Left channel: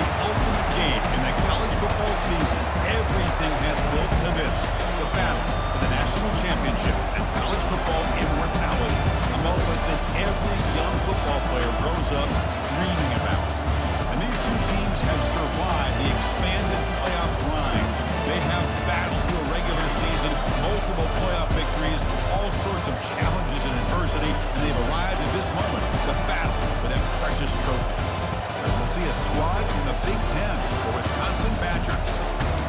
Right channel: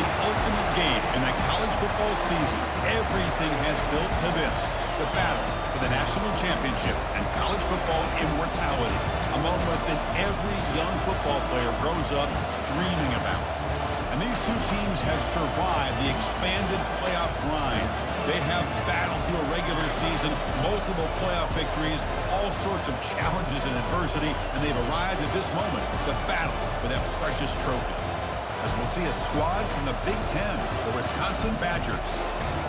The ultimate game in the college football season. Everything has built to this. The battle for the national championship and college football immortality. A moment that every young football player grows up dreaming about. And these two teams have survived the expanded playoff grind. They have battled through a regular season, multiple playoff victories, all sorts of challenges and adversity, and they've arrived at this moment, the battle for that precious trophy. As we'll see a squad from the Big Ten, the Wisconsin Badgers,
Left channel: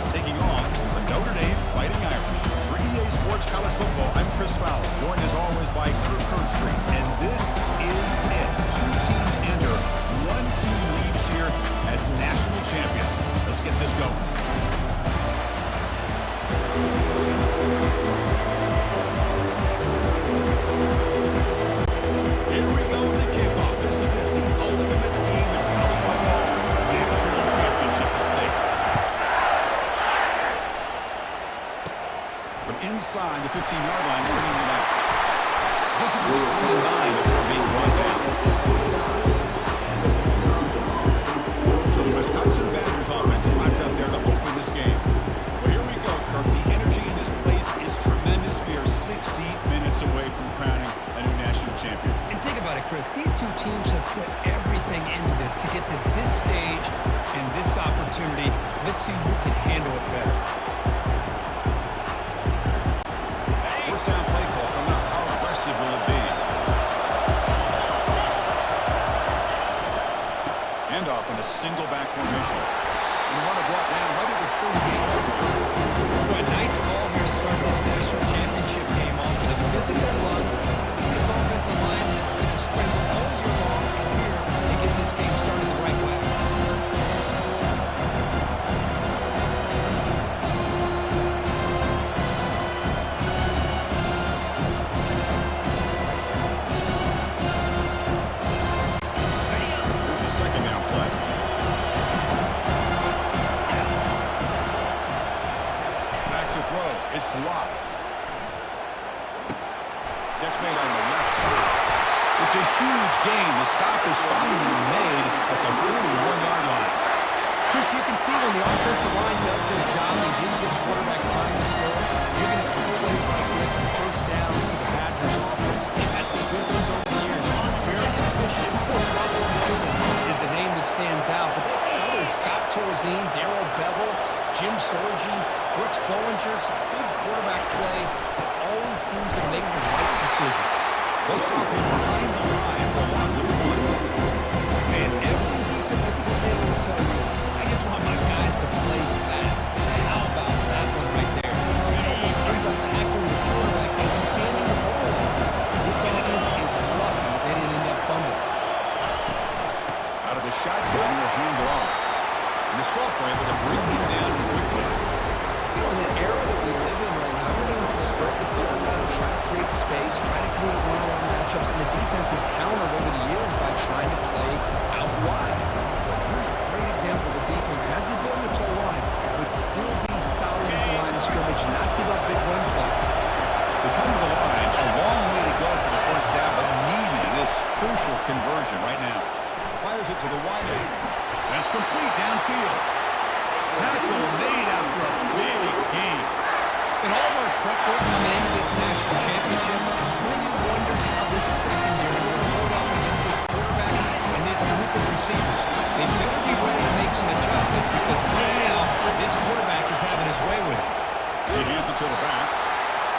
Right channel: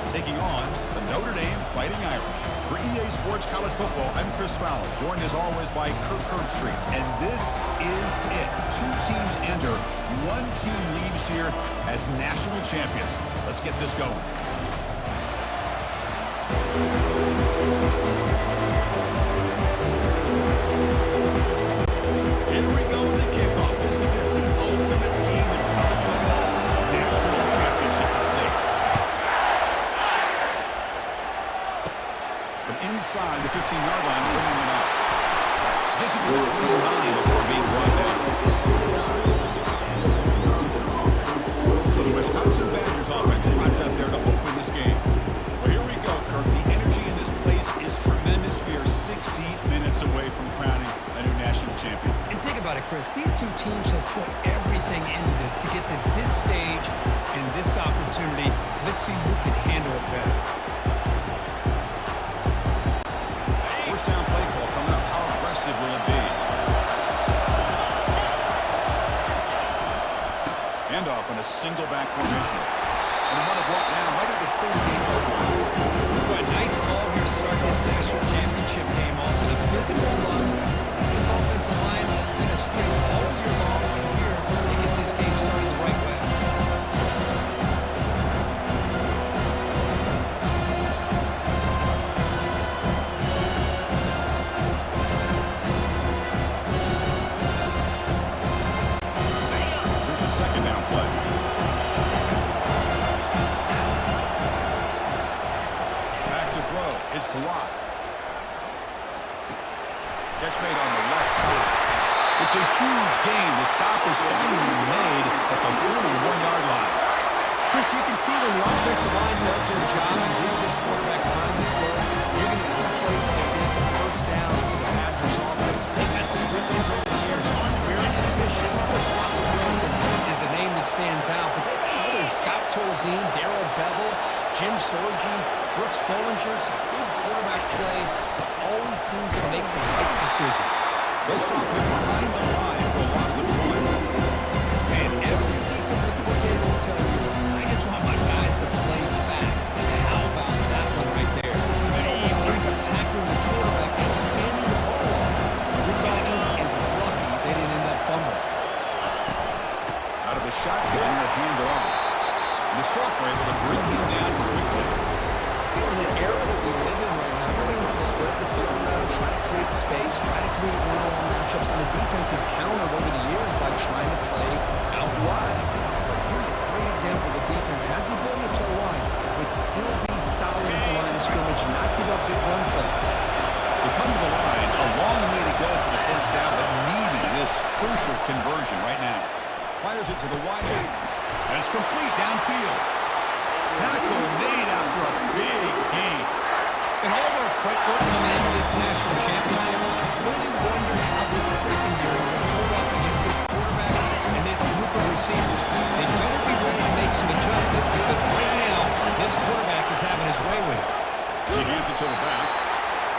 taking on the Notre Dame Fighting Irish. For EA Sports College Football, I'm Chris Fowler, joined as always by Kirk Herbstreit. And this is it. Two teams enter, one team leaves here as national champions. Let's get this going. Here we go to kickoff. This is it, the ultimate game in college football, national championship at stake. From inside the 15-yard line, bringing it out. Gets it to the 29 before being brought down. So the Wisconsin Badgers offense trots out there to open this game. Well, here we go, Kirk. The energy in this place is tremendous. We are 60 minutes away from crowning a new national champion. And think about it, Chris. These two teams have put everything into this to get to this stage and this opportunity. Let's see who can handle it better. First down play call coming up. How aggressive will it be? Handoff in a single back formation. And the runner brought down right at the 38-yard line. Boy, a nice call here to start this national championship game off with a physical run. I think this offensive line has been a strength all year long, and here they get this game started the right way. Here's the second down play. It's Locke. Catch made on the left side. It's a huge gain. The stop is finally made at the 41-yard line. Chris, you can see when the offensive line does their job and gives this quarterback time to throw, you're going to see plays like this and first downs for the Badgers offense. They've had some good ones over the years. Very efficient. Of course, Russell Wilson is the name that stands out, but they've had others. Scott Tolzien, Darrell Bevel, Jim Sorgi, Brooks Bollinger. Some good quarterback play that always seems to make the right decision. They'll stop him behind the line for a loss of one. Man, every defensive coordinator will tell you, I just want my guys to play fast. And how about that one right there? It almost ends up tackling the quarterback as he's handing the ball off. This offense is lucky they didn't end up fumbling. Out of the shotgun, will hand it off. And the sophomore able to bring him down quickly. You know, in the era that we live in right now, everybody wants to spread the field around, try to create space, try to create one-on-one matchups, and the defense has countered over the years by trying to play out wide. But here's a great example of a defense has the ability to play wide, but still be solid at the line of scrimmage and not give up big run plays. They come to the line, a long way to go for the first down, but needing this crucial conversion right now. Fires it to the wide end. And it's complete downfield. Tackle made after a big gain. In all of our prep work coming into this national championship, I really wondered how this secondary would hold up against this quarterback and this group of receivers. They better be ready to make some adjustments because right now, this quarterback is having his way with it. He hands it to the back.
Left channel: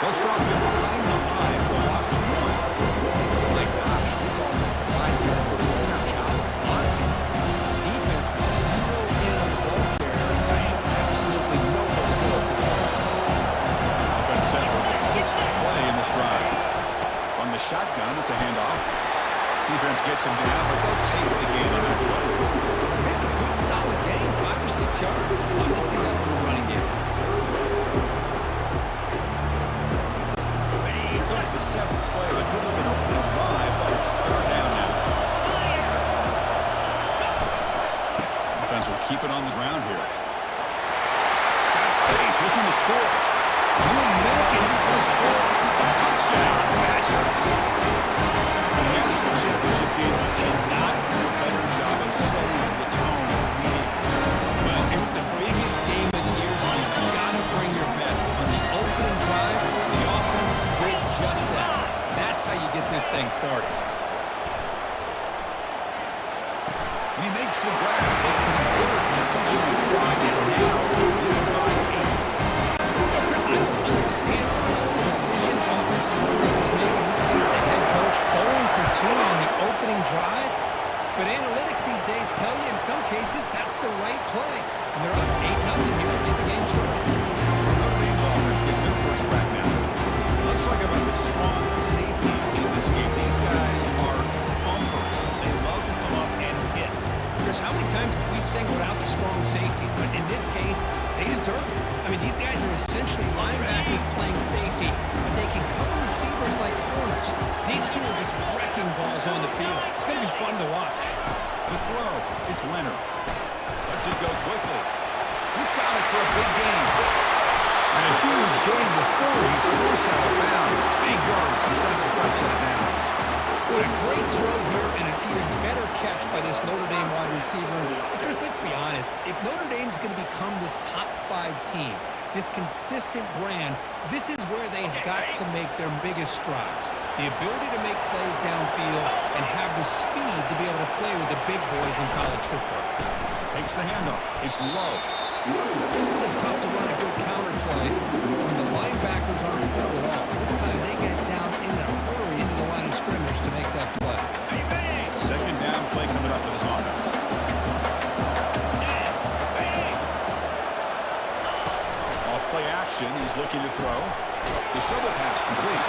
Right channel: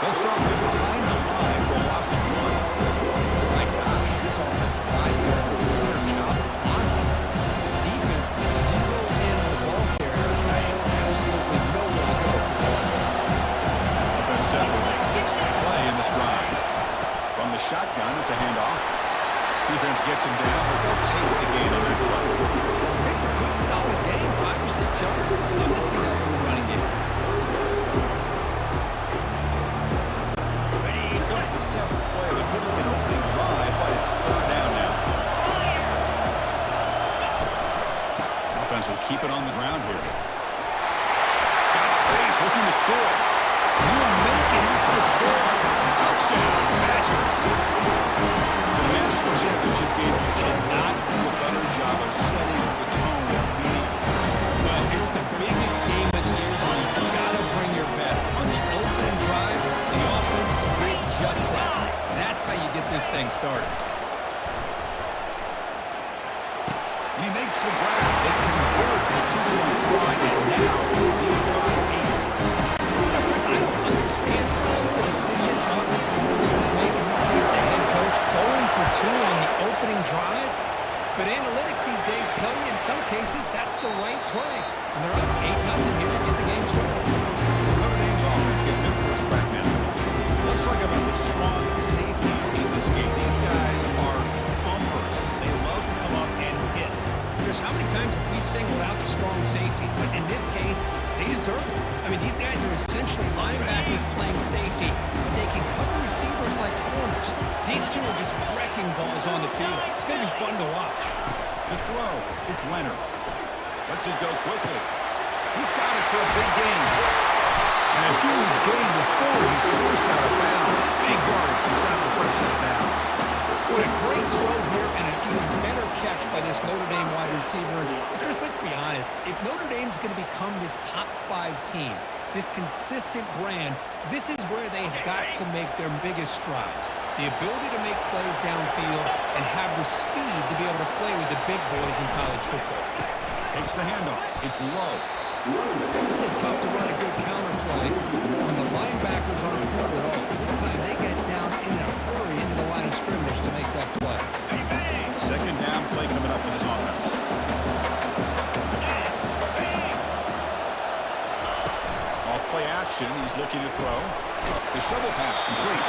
They'll stop him behind the line for a loss of one. My gosh, this offensive line's got to do a better job of blocking. The defense was zero in on the ball carrier and absolutely nowhere to go for the offense. Offense set for the sixth play in this drive. From the shotgun, it's a handoff. Defense gets him down, but they'll take the gain on that play. It's a good, solid game, 5 or 6 yards. Love to see that from the running game. Here comes the seventh play of a good-looking opening drive, but it's third down now. Offense will keep it on the ground here. Got space, looking to score. He'll make it in for the score. Touchdown, Badgers. In the national championship game, you cannot do a better job of setting the tone immediately. this thing started. And he makes the grab. They convert the two-point try, and now lead by 8. Chris, I don't understand all the decisions offensive coordinators make, in this case the head coach, going for 2 on the opening drive. But analytics these days tell you in some cases that's the right play. And they're up 8-0 here to get the game started. So Notre Dame's offense gets their first crack now. Let's talk about the strong safeties in this game. These guys are thumpers. They love to come up and hit. Chris, how many times have we singled out the strong safeties? But in this case, they deserve it. I mean, these guys are essentially linebackers playing safety, but they can cover receivers like corners. These two are just wrecking balls on the field. It's going to be fun to watch. To throw, it's Leonard. Lets it go quickly. He's got it for a big gain. And a huge gain before he scores out of bounds. Big yardage to set up the first set of downs. What a great throw here and an even better catch by this Notre Dame wide receiver. And Chris, let's be honest. If Notre Dame's going to become this top 5 team, this consistent brand, this is where they've got to make their biggest strides. The ability to make plays downfield and have the speed to be able to play with the big boys in college football. Takes the handoff. It's low. It's tough to run a good counter play when the linebackers aren't fooled at all. This time they get down in a hurry into the line of scrimmage to make that play. Second down play coming up for this offense. Off play action. He's looking to throw. The shovel pass complete.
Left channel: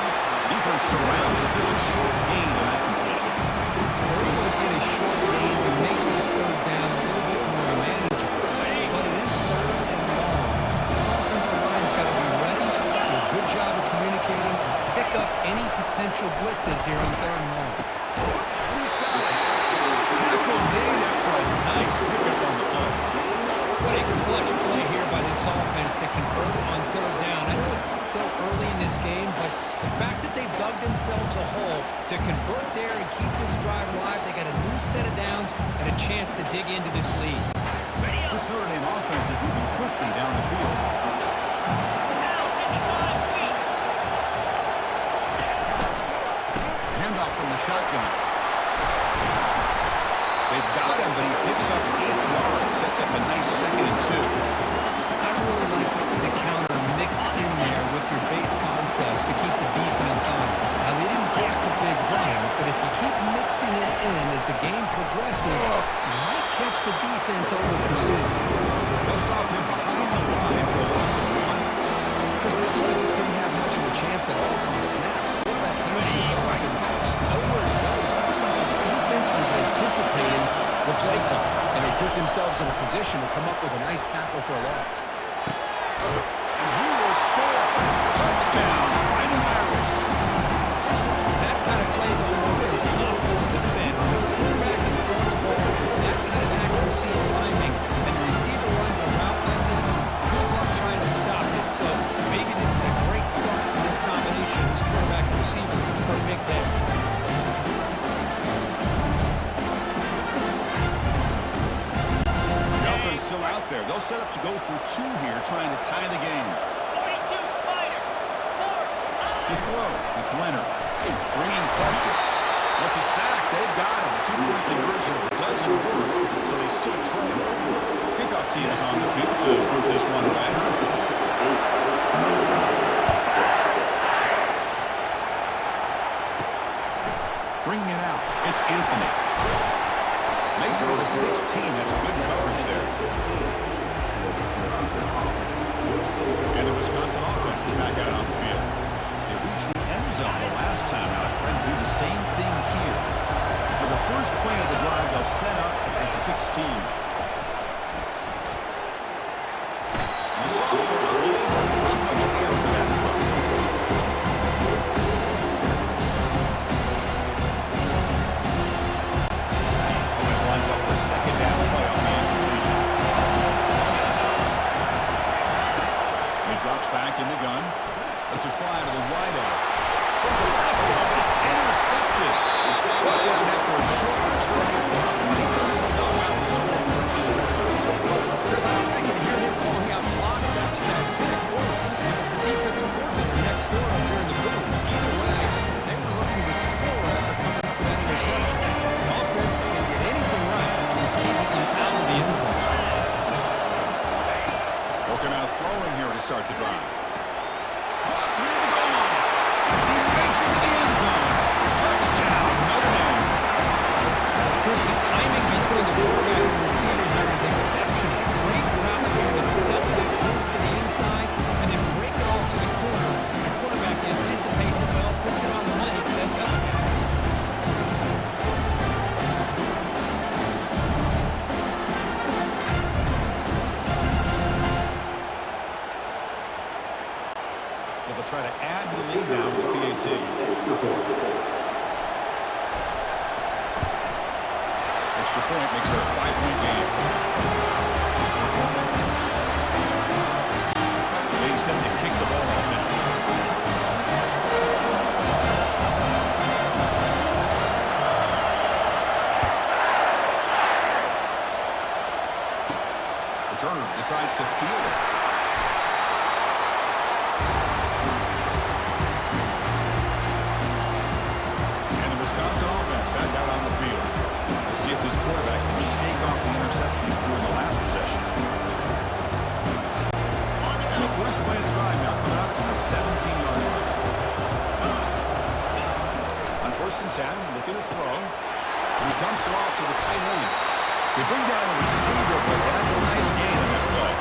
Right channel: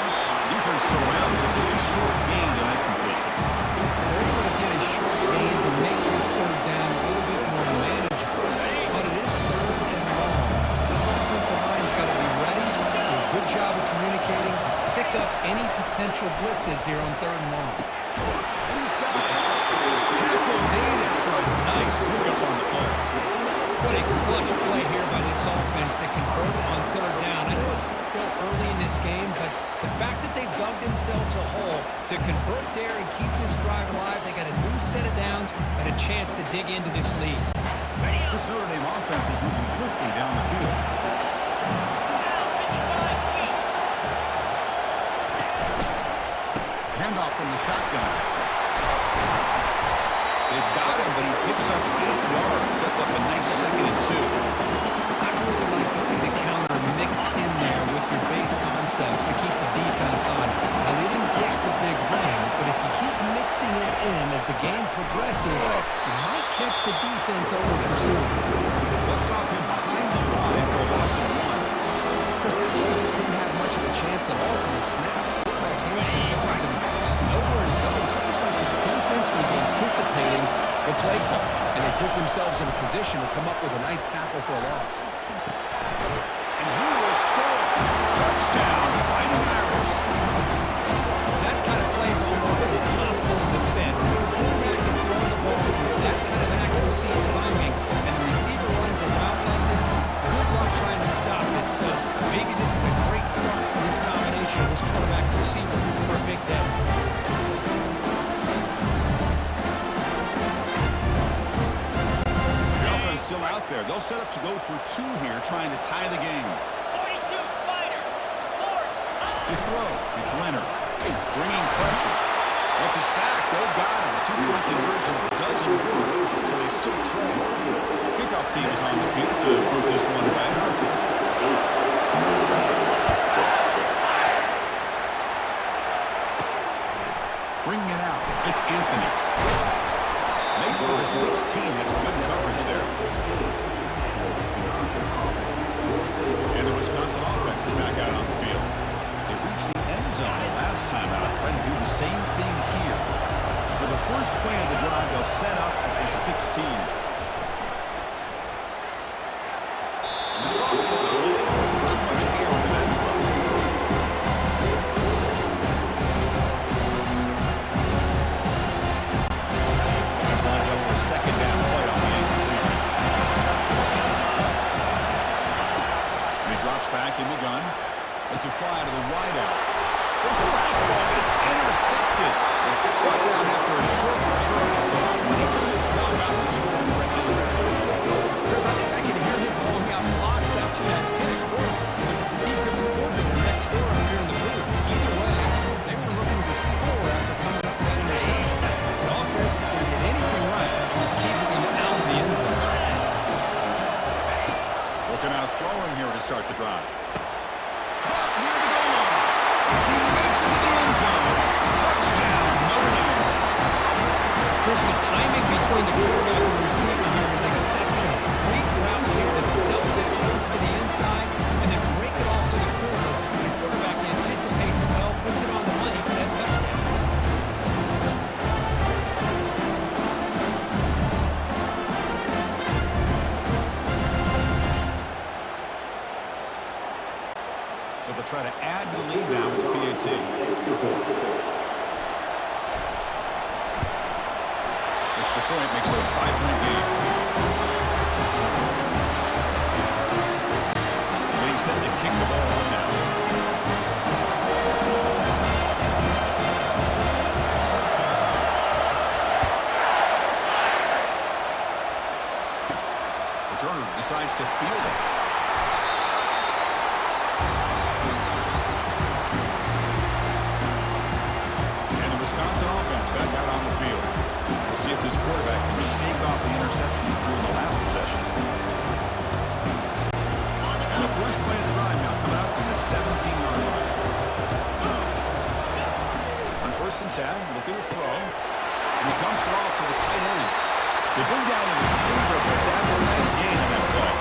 Defense surrounds it. Just a short gain on that completion. They're able to get a short gain to make this third down a little bit more manageable. But it is third and long. So this offensive line's got to be ready, do a good job of communicating, and pick up any potential blitzes here on third and long. And he's got it. Tackle made after a nice pickup on the play. What a clutch play here by this offense to convert on third down. I know it's still early in this game, but the fact that they've dug themselves a hole to convert there and keep this drive alive, they got a new set of downs and a chance to dig into this lead. This Notre Dame offense is moving quickly down the field. Handoff from the shotgun. They've got him, but he picks up 8 yards. Sets up a nice 2nd and 2. I really like to see the counter mixed in there with your base concepts to keep the defense honest. Now, they didn't boast a big run, but if you keep mixing it in as the game progresses, you might catch the defense over pursuit. They'll stop him behind the line for a loss of 1. Chris, that play just didn't have much of a chance at all from the snap. The quarterback hands this off, and there's nowhere to go. It's almost like the defense was anticipating the play call, and they put themselves in a position to come up with a nice tackle for a loss. And he will score. Touchdown, Fighting Irish. That kind of play is almost impossible to defend. When the quarterback is throwing the ball with that kind of accuracy and timing, and the receiver runs a route like this, good luck trying to stop it. So maybe this is a great start for this combination, this quarterback and receiver, for a big day. Still out there. They'll set up to go for 2 here, trying to tie the game. 42 Spider. To throw, it's Leonard. Bringing pressure. What's a sack? They've got him. The 2-point conversion doesn't work, so they still trail. Kickoff team is on the field to put this one away. Bringing it out. It's Anthony. Makes it to the 16. That's good coverage there. And the Wisconsin offense is back out on the field. They reached the end zone the last time out. Trying to do the same thing here. And for the first play of the drive, they'll set up at the 16. And the sophomore a little too much air into that throw. Lines up for a 2nd down play on the incompletion. And he drops back in the gun. Lets it fly to the wideout. There's a fastball, but it's intercepted. Brought down after a short return at the 20 to snuff out the scoring in the red zone. Chris, I think I can hear him calling out blocks after that pick. Or was it the defensive coordinator next door up here in the booth? Either way, they were looking to score Looking out throwing here to start the drive. Caught near the goal line. He makes it to the end zone. Touchdown, Notre Dame. Chris, the timing between the quarterback and the receiver here is exceptional. Great route here to sell that post to the inside and then break it off to the corner. And the quarterback anticipates it well, puts it on the money for that touchdown. So they'll try to add to the lead now with the PAT. Extra point makes it a 5-point game. Being set to kick the ball off now. Returner decides to field it. Wisconsin offense back out on the field. We'll see if this quarterback can shake off the interception during the last possession. And the first play of the drive now coming up from the 17-yard line. On 1st and 10, looking to throw. And he dumps it off to the tight end. They bring down the receiver, but that's a nice gain on that play.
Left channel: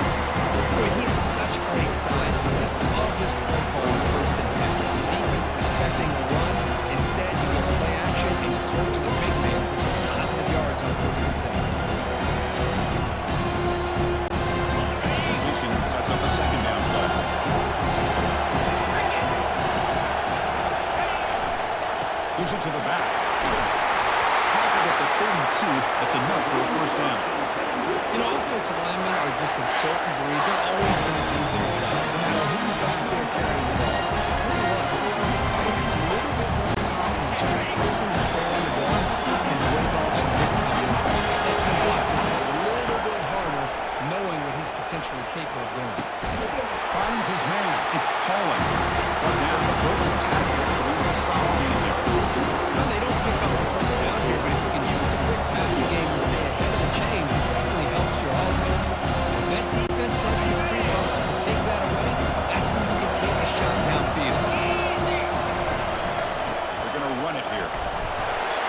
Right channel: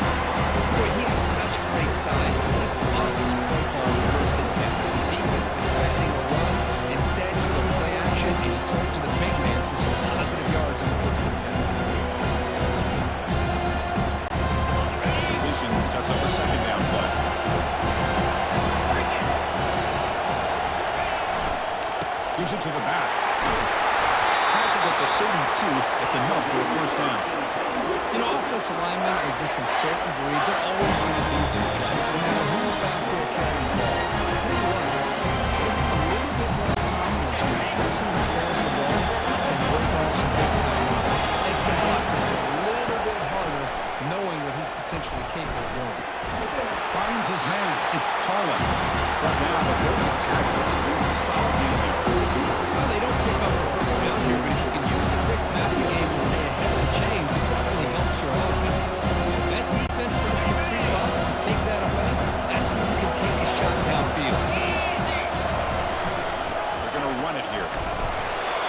Boy, he has such great size. I just love this play call on 1st and 10. The defense is expecting a run. Instead, you go play action and you throw it to the big man for some positive yards on 1st and 10. Completion sets up a second down play. Gives it to the back. Tackled at the 32. That's enough for a first down. You know, offensive linemen are just a certain breed. They're always going to do their job, no matter who's back there carrying the ball. I'll tell you what, they have a little bit more confidence when the person that's carrying the ball can break off some big-time runs. It makes them block just a little bit harder, knowing what he's potentially capable of doing. Finds his man. It's Paulin. Brought down, but broken tackle. Brings a solid game there. Well, they don't pick up the first down here, but if you can use the quick passing game to stay ahead of the chains, it definitely helps your offense. If that defense starts to creep up and take that away, that's when you can take a shot downfield. They're going to run it here.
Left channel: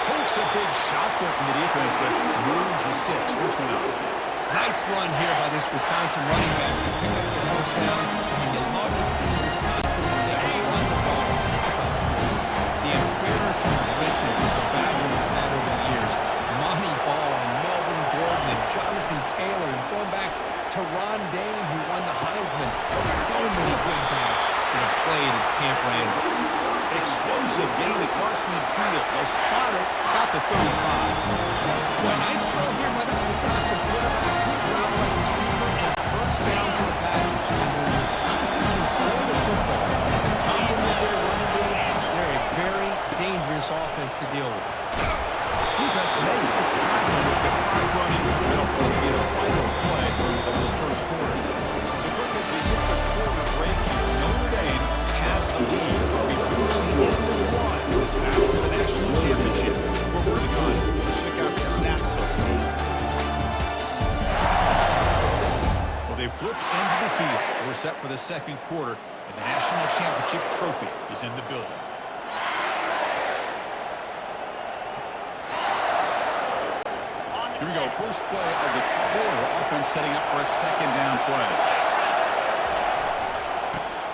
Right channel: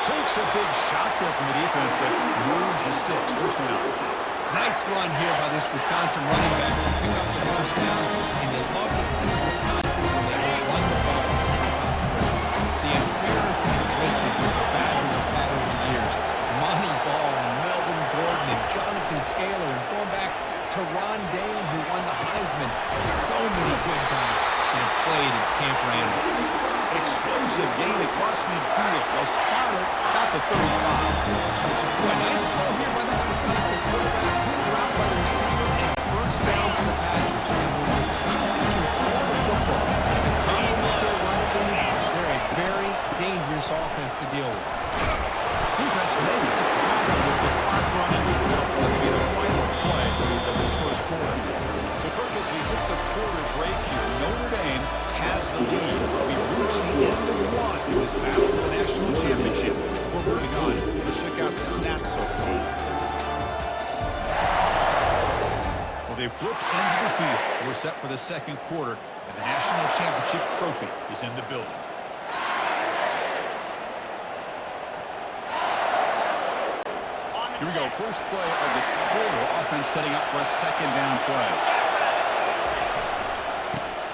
Takes a big shot there from the defense, but moves the sticks. First down. Nice run here by this Wisconsin running back to pick up the first down, and you love to see Wisconsin when they run the ball. Think about this. The embarrassment of riches that the Badgers have had over the years. Monty Ball and Melvin Gordon and Jonathan Taylor, and going back to Ron Dayne, who won the Heisman. So many good backs that have played at Camp Randall. Explosive gain across midfield. They'll spot it about the 35. Boy, nice throw here by this Wisconsin quarterback. Good route by the receiver, and first down for the Badgers. And when Wisconsin can throw the football to complement their running game, they're a very dangerous offense to deal with. Defense makes the tackle with the clock running. It'll probably be the final play of this first quarter. So, Kirk, as we hit the quarter break here, Notre Dame has the lead. We've reached the end of one in this battle for the national championship. Before moving on, let's check out the stats so far. Well, they've flipped ends of the field. We're set for the second quarter, and the national championship trophy is in the building. Here we go, first play of the quarter. Offense setting up for a second down play.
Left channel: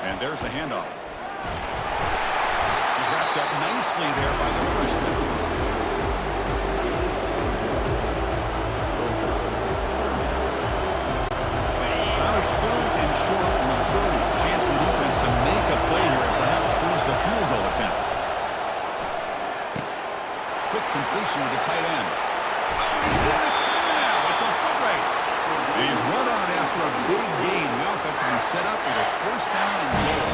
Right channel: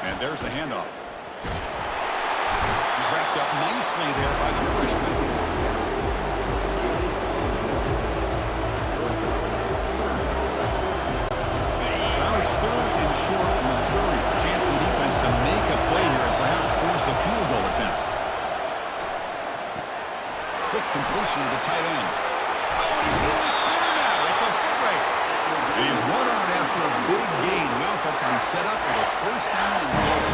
And there's the handoff. He's wrapped up nicely there by the freshman. Fouch third and short from the 30. Chance for the defense to make a play here and perhaps force a field goal attempt. Quick completion to the tight end. Oh, and he's in the clear now. It's a foot race. And he's run out after a big gain. The offense will be set up with a first down and goal.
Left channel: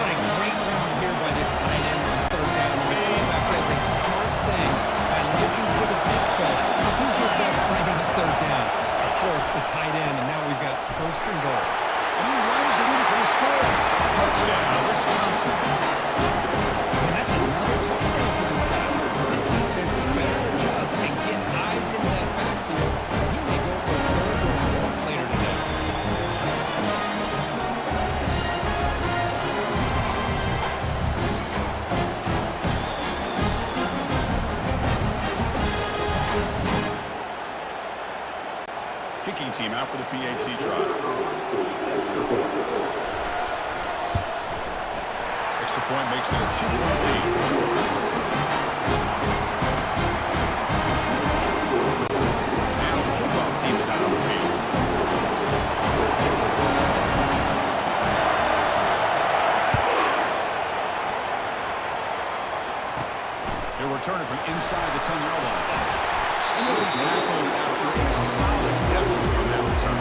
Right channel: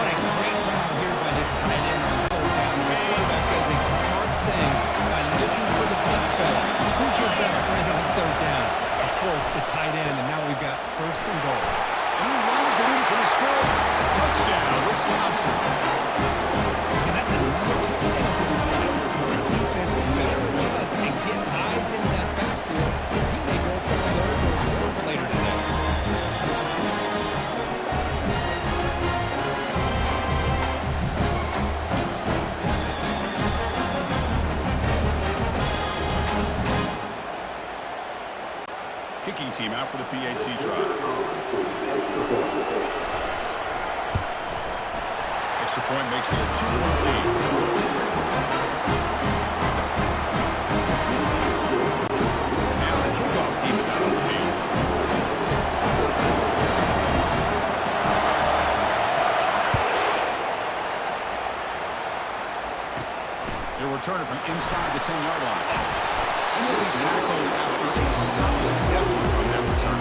What a great route here by this tight end on third down. And the quarterback does a smart thing by looking for the big fella. Who's your best friend on third down? Of course, the tight end. And now we've got first and goal. And he runs it in for the score. Touchdown, Wisconsin. And that's another touchdown for this guy. This defense better adjust and get eyes into that backfield. He may go for a third or fourth later today. Kicking team out for the PAT try. Extra point makes it a 2-point lead. Now the kickoff team is out on the field. They're returning from inside the 10-yard line. And they'll be tackled after a solid effort on that return.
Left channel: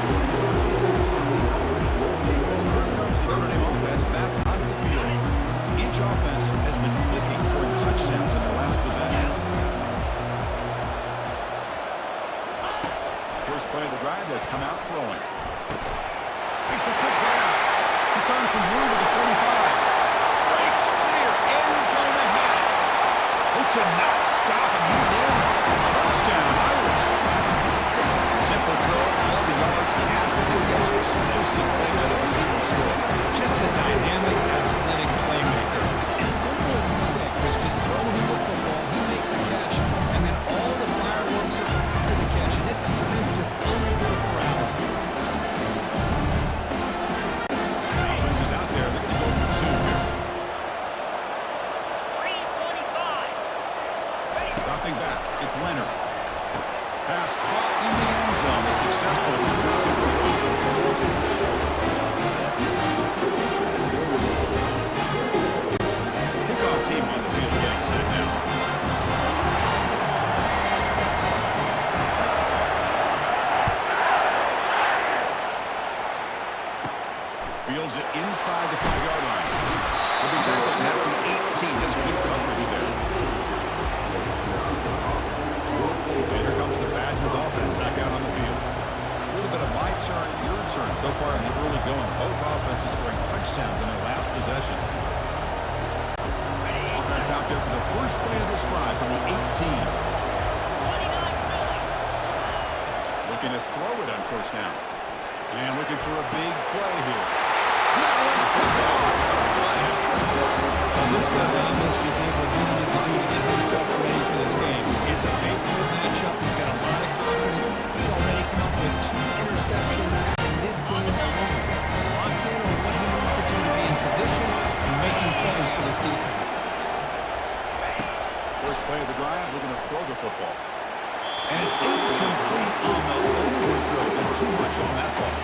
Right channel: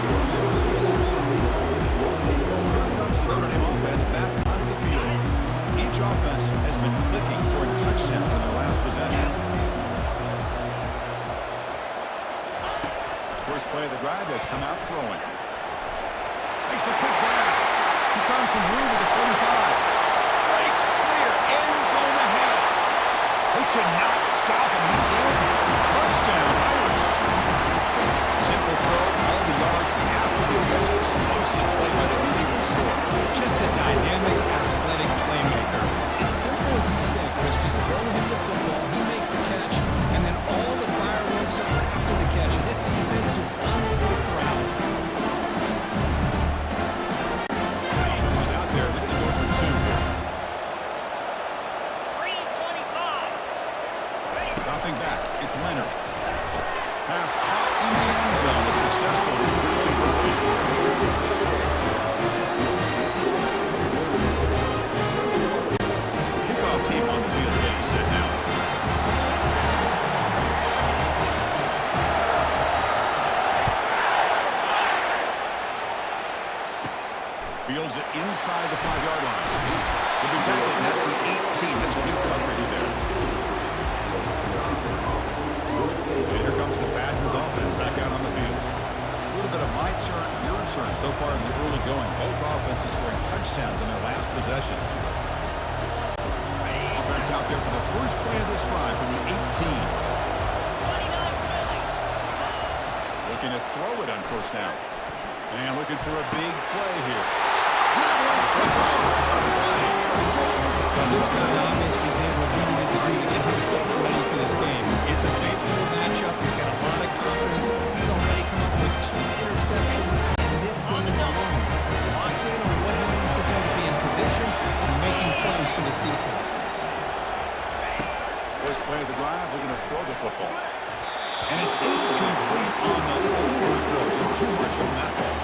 So here comes the Notre Dame offense back onto the field. Each offense has been clicking, scoring touchdowns in their last possessions. First play of the drive, they come out throwing. Makes a quick grab. He's found some room at the 45. Breaks clear, end zone ahead. They could not stop him. He's in. Touchdown, Irish. Simple throw, all the yards after the catch. Explosive play by the receiver to score. Just a dynamic, athletic playmaker. As simple as you said, Chris, just throw him the football, he makes the catch, and then all the fireworks are after the catch. And this defense just unable to corral him. Offense is out there. They're going to go for two here. 3:25. Dropping back, it's Leonard. Pass caught in the end zone. A successful two-point conversion. Kickoff team on the field getting set now. Fields it inside the 5-yard line. He'll be tackled at the 18. That's good coverage there. And here comes the Badgers offense back out on the field. A little bit of my turn, your turn so far in the early going. Both offenses scoring touchdowns on their last possessions. Offense out there for the first play of this drive from the 18. 29 Philly. Looking to throw it on first down. And looking for a big play here. That one's picked off. What a play. Well, this guy obviously did what he needed to do to get himself ready for this game. It's a favorable matchup. He's got a lot of confidence. He's already come up with 2 interceptions in this game alone. Locked in on what he needs to do to be in position and making plays for this defense. First play of the drive, looking to throw the football. And it's incomplete on the overthrow. Just too much on that ball.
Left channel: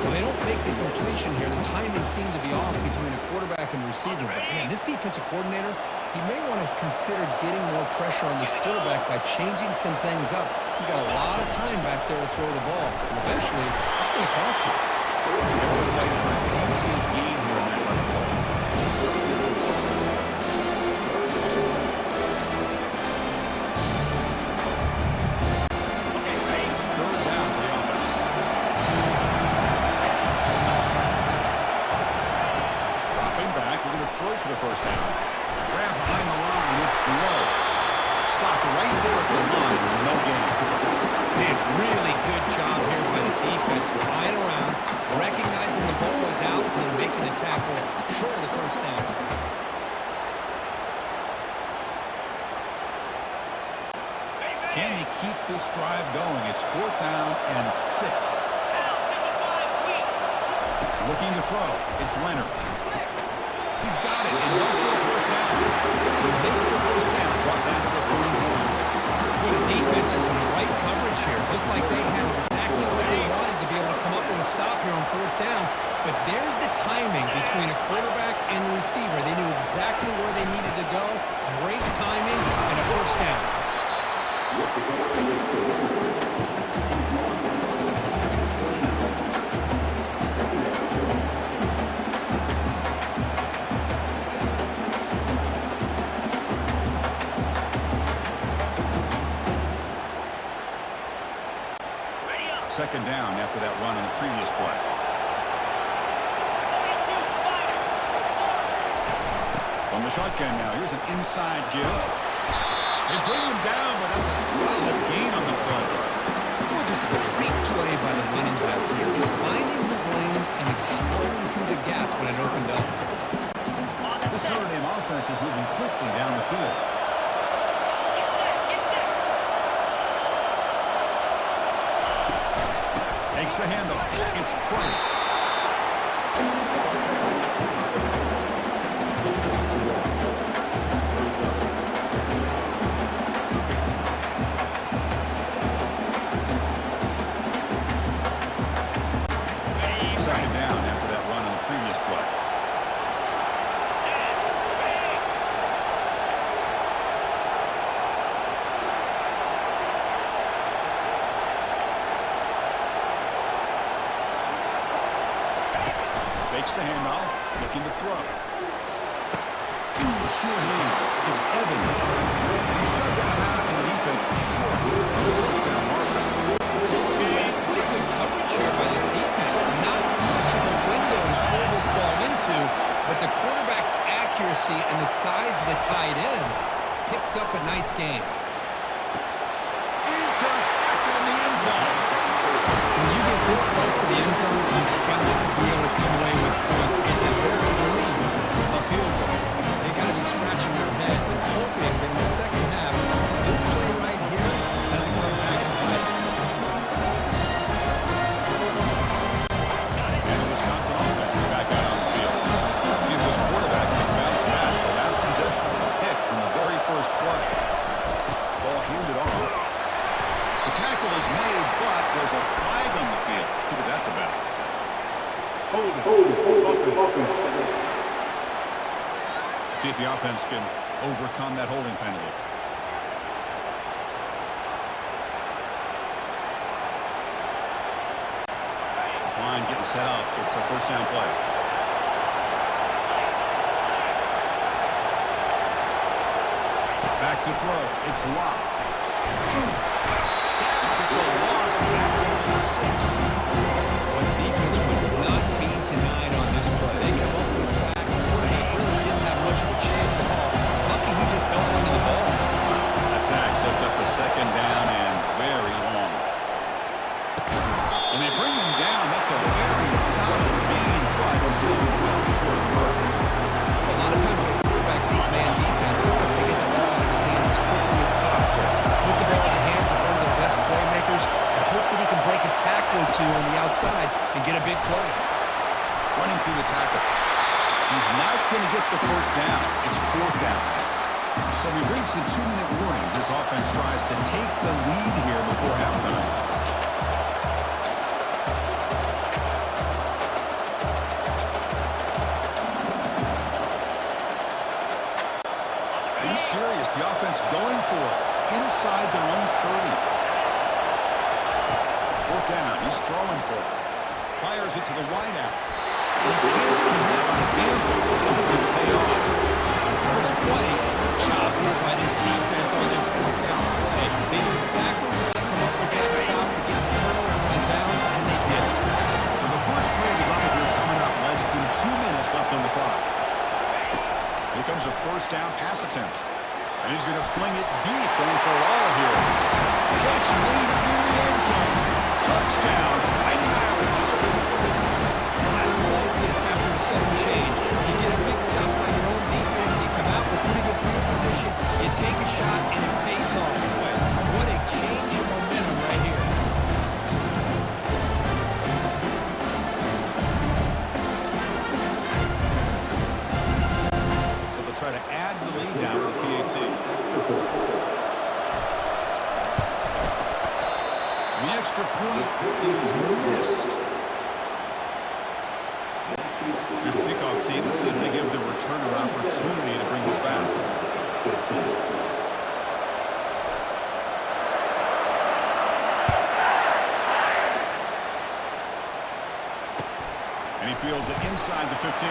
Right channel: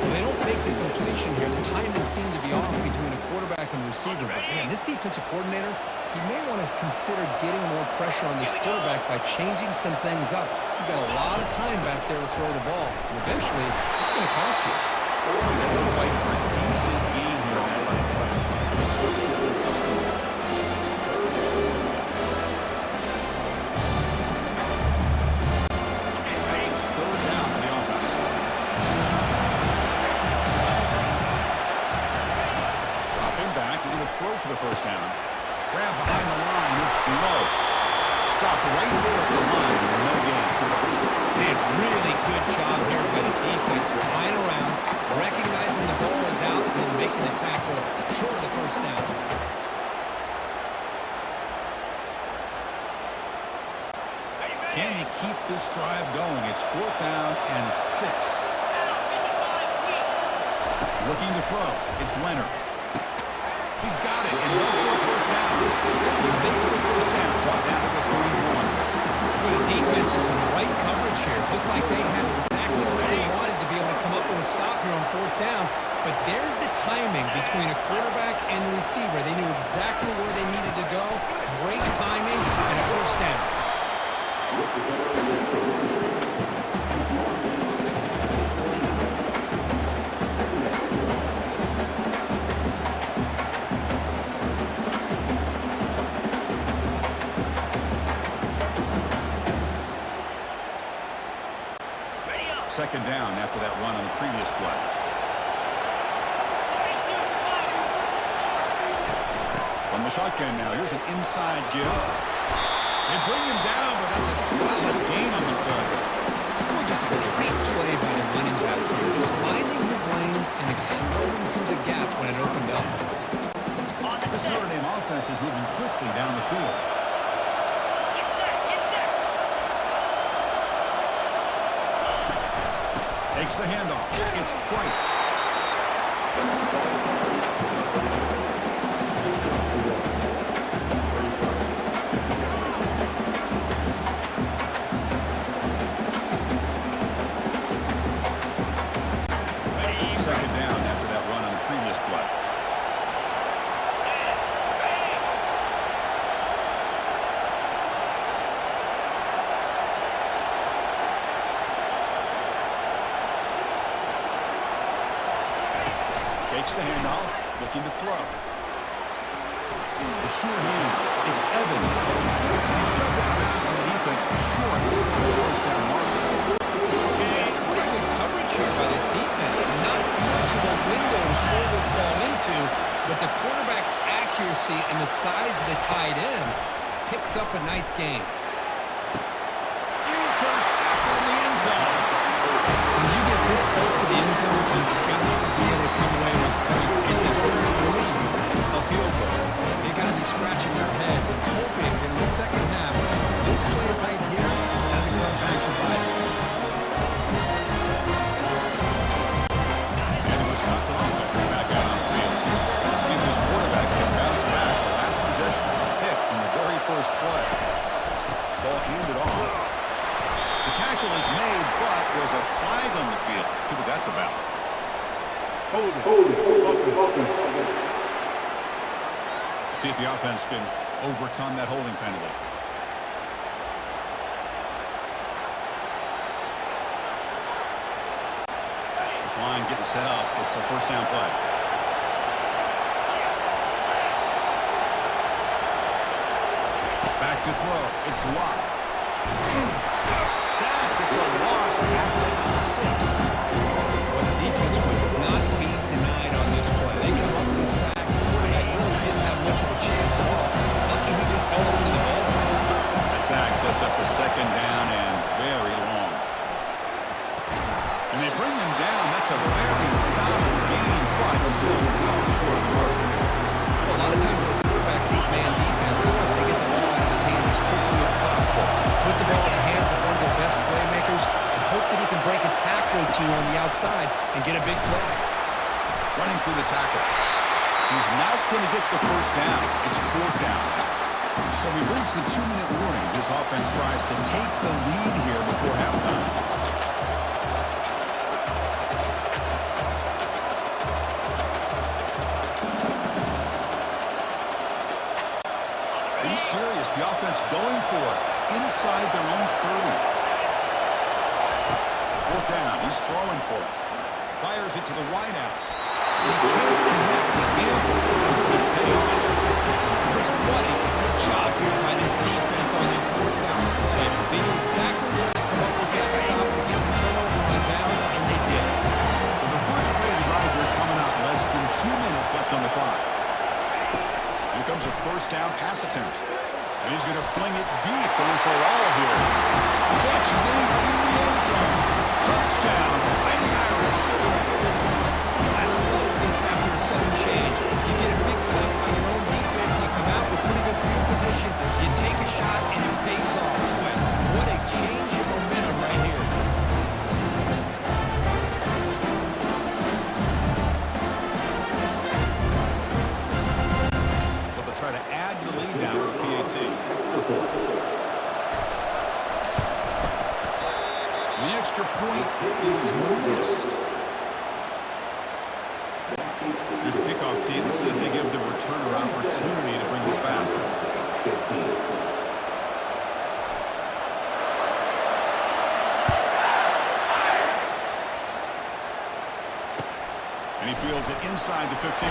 Well, they don't make the completion here. The timing seemed to be off between a quarterback and receiver. But, man, this defensive coordinator, he may want to consider getting more pressure on this quarterback by changing some things up. He's got a lot of time back there to throw the ball. And eventually, it's going to cost you. And we're fighting for a decent gain here in that run play. Third down for the offense. Dropping back, we're going to throw for the first down. Grab behind the line, it's low. Stop right there at the line, no gain. Man, really good job here by the defense, flying around, recognizing the ball is out, and then making the tackle short of the first down. Can they keep this drive going? It's 4th down and 6. Now 55 weak. Looking to throw. It's Leonard. He's got it, and no for a first down. He made the first down, brought down to the 31. Well, the defense is in the right coverage here. Looked like they had exactly what they wanted to be able to come up with a stop here on 4th down. But there's the timing between a quarterback and the receiver. They knew exactly where they needed to go. Great timing and a first down. Second down after that run on the previous play. 42 Spider. From the shotgun now, here's an inside give. They bring him down, but that's a solid gain on the play. Well, just a great play by the running back here. Just finding his lanes and exploding through the gap when it opened up. This Notre Dame offense is moving quickly down the field. Get set, get set. Takes the handoff. It's Price. Second down after that run on the previous play. Fakes the handoff, looking to throw. Sure hands. It's Evans. And he's shoved out of bounds by the defense short of the first down marker. It's pretty good coverage here by this defense. Not much of a window to throw this ball into, but the quarterback's accuracy and the size of the tight end picks up a nice game. Intercepted in the end zone. When you get this close to the end zone, you've got to be able to come away with points, at the very least, a field goal. They got to be scratching their heads and hoping that in the second half, this play right here doesn't come back to bite. And the Wisconsin offense is back out on the field. See if this quarterback can bounce back. The last possession, a pick on the very first play. Ball handed off. The tackle is made, but there's a flag on the field. See what that's about. Hold it. See if the offense can overcome that holding penalty. This line getting set up. It's a first down play. Back to throw. It's Locke. Sacked. It's a loss back to the 6. Well, the defense would not be denied on this play. They come up with a sack. The quarterback really didn't have much of a chance at all. Lucky he just held on to the ball. That sack sets up a second down and very long. And they bring him down. That's a very solid gain, but still well short of the mark. A lot of times when a quarterback sees man defense, he wants to get the ball out of his hand as quickly as possible. Put the ball in the hands of one of their best playmakers and hope that he can break a tackle or two on the outside and get a big play. Running through the tackle. He's not going to get the first down. It's fourth down. So we reach the 2-minute warning as this offense tries to take the lead here before halftime. Are you serious? The offense going for it inside their own 30. Fourth down. He's throwing for it. Fires it to the wideout. And he can't connect. The gamble doesn't pay off. Chris, what a great job here by this defense on this fourth down play. They knew exactly where to come up with that stop to get the turnover on downs, and they did it. So the first play of the drive here coming up. Less than 2 minutes left on the clock. Here comes a first down pass attempt. And he's going to fling it deep, going for it all here. Catch made in the end zone. Touchdown, Fighting Irish. I love this after a sudden change. You get a big stop by your own defense. You come out with pretty good field position. You take a shot, and it pays off. Boy, what a change in momentum right here. So they'll try to add to the lead now with the PAT. The extra point is missed. Here's the kickoff team. Let's see if they give the returner opportunity to bring this back. And he fields it inside the 15.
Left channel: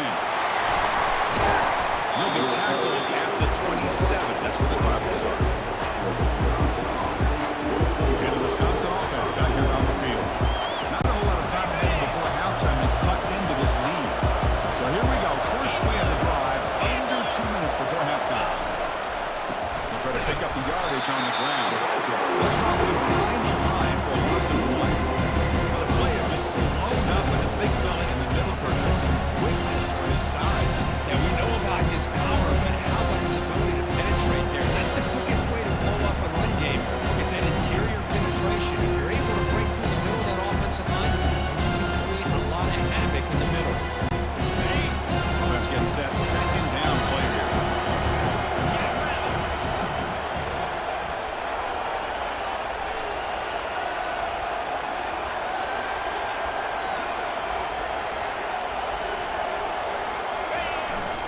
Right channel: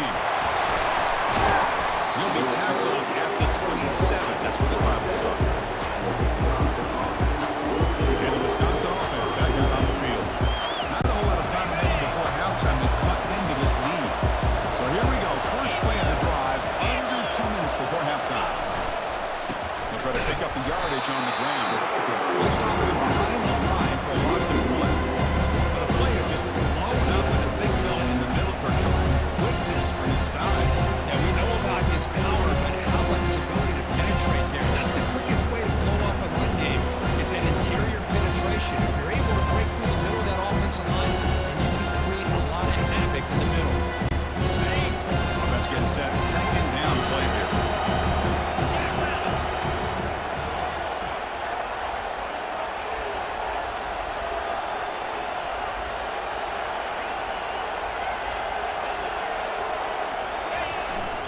He'll be tackled at the 27. That's where the drive will start. And the Wisconsin offense back out on the field. Not a whole lot of time remaining before halftime to cut into this lead. So here we go. First play of the drive, under 2 minutes before halftime. They'll try to pick up the yardage on the ground. They'll stop him behind the line for a loss of 1. Now the play is just blown up with the big fella in the middle court showing some quickness for his size. Yeah, we know about his power, but how about his ability to penetrate there? That's the quickest way to blow up a run game, is that interior penetration. If you're able to break through the middle of that offensive line, that second down play here. Jackrabbit.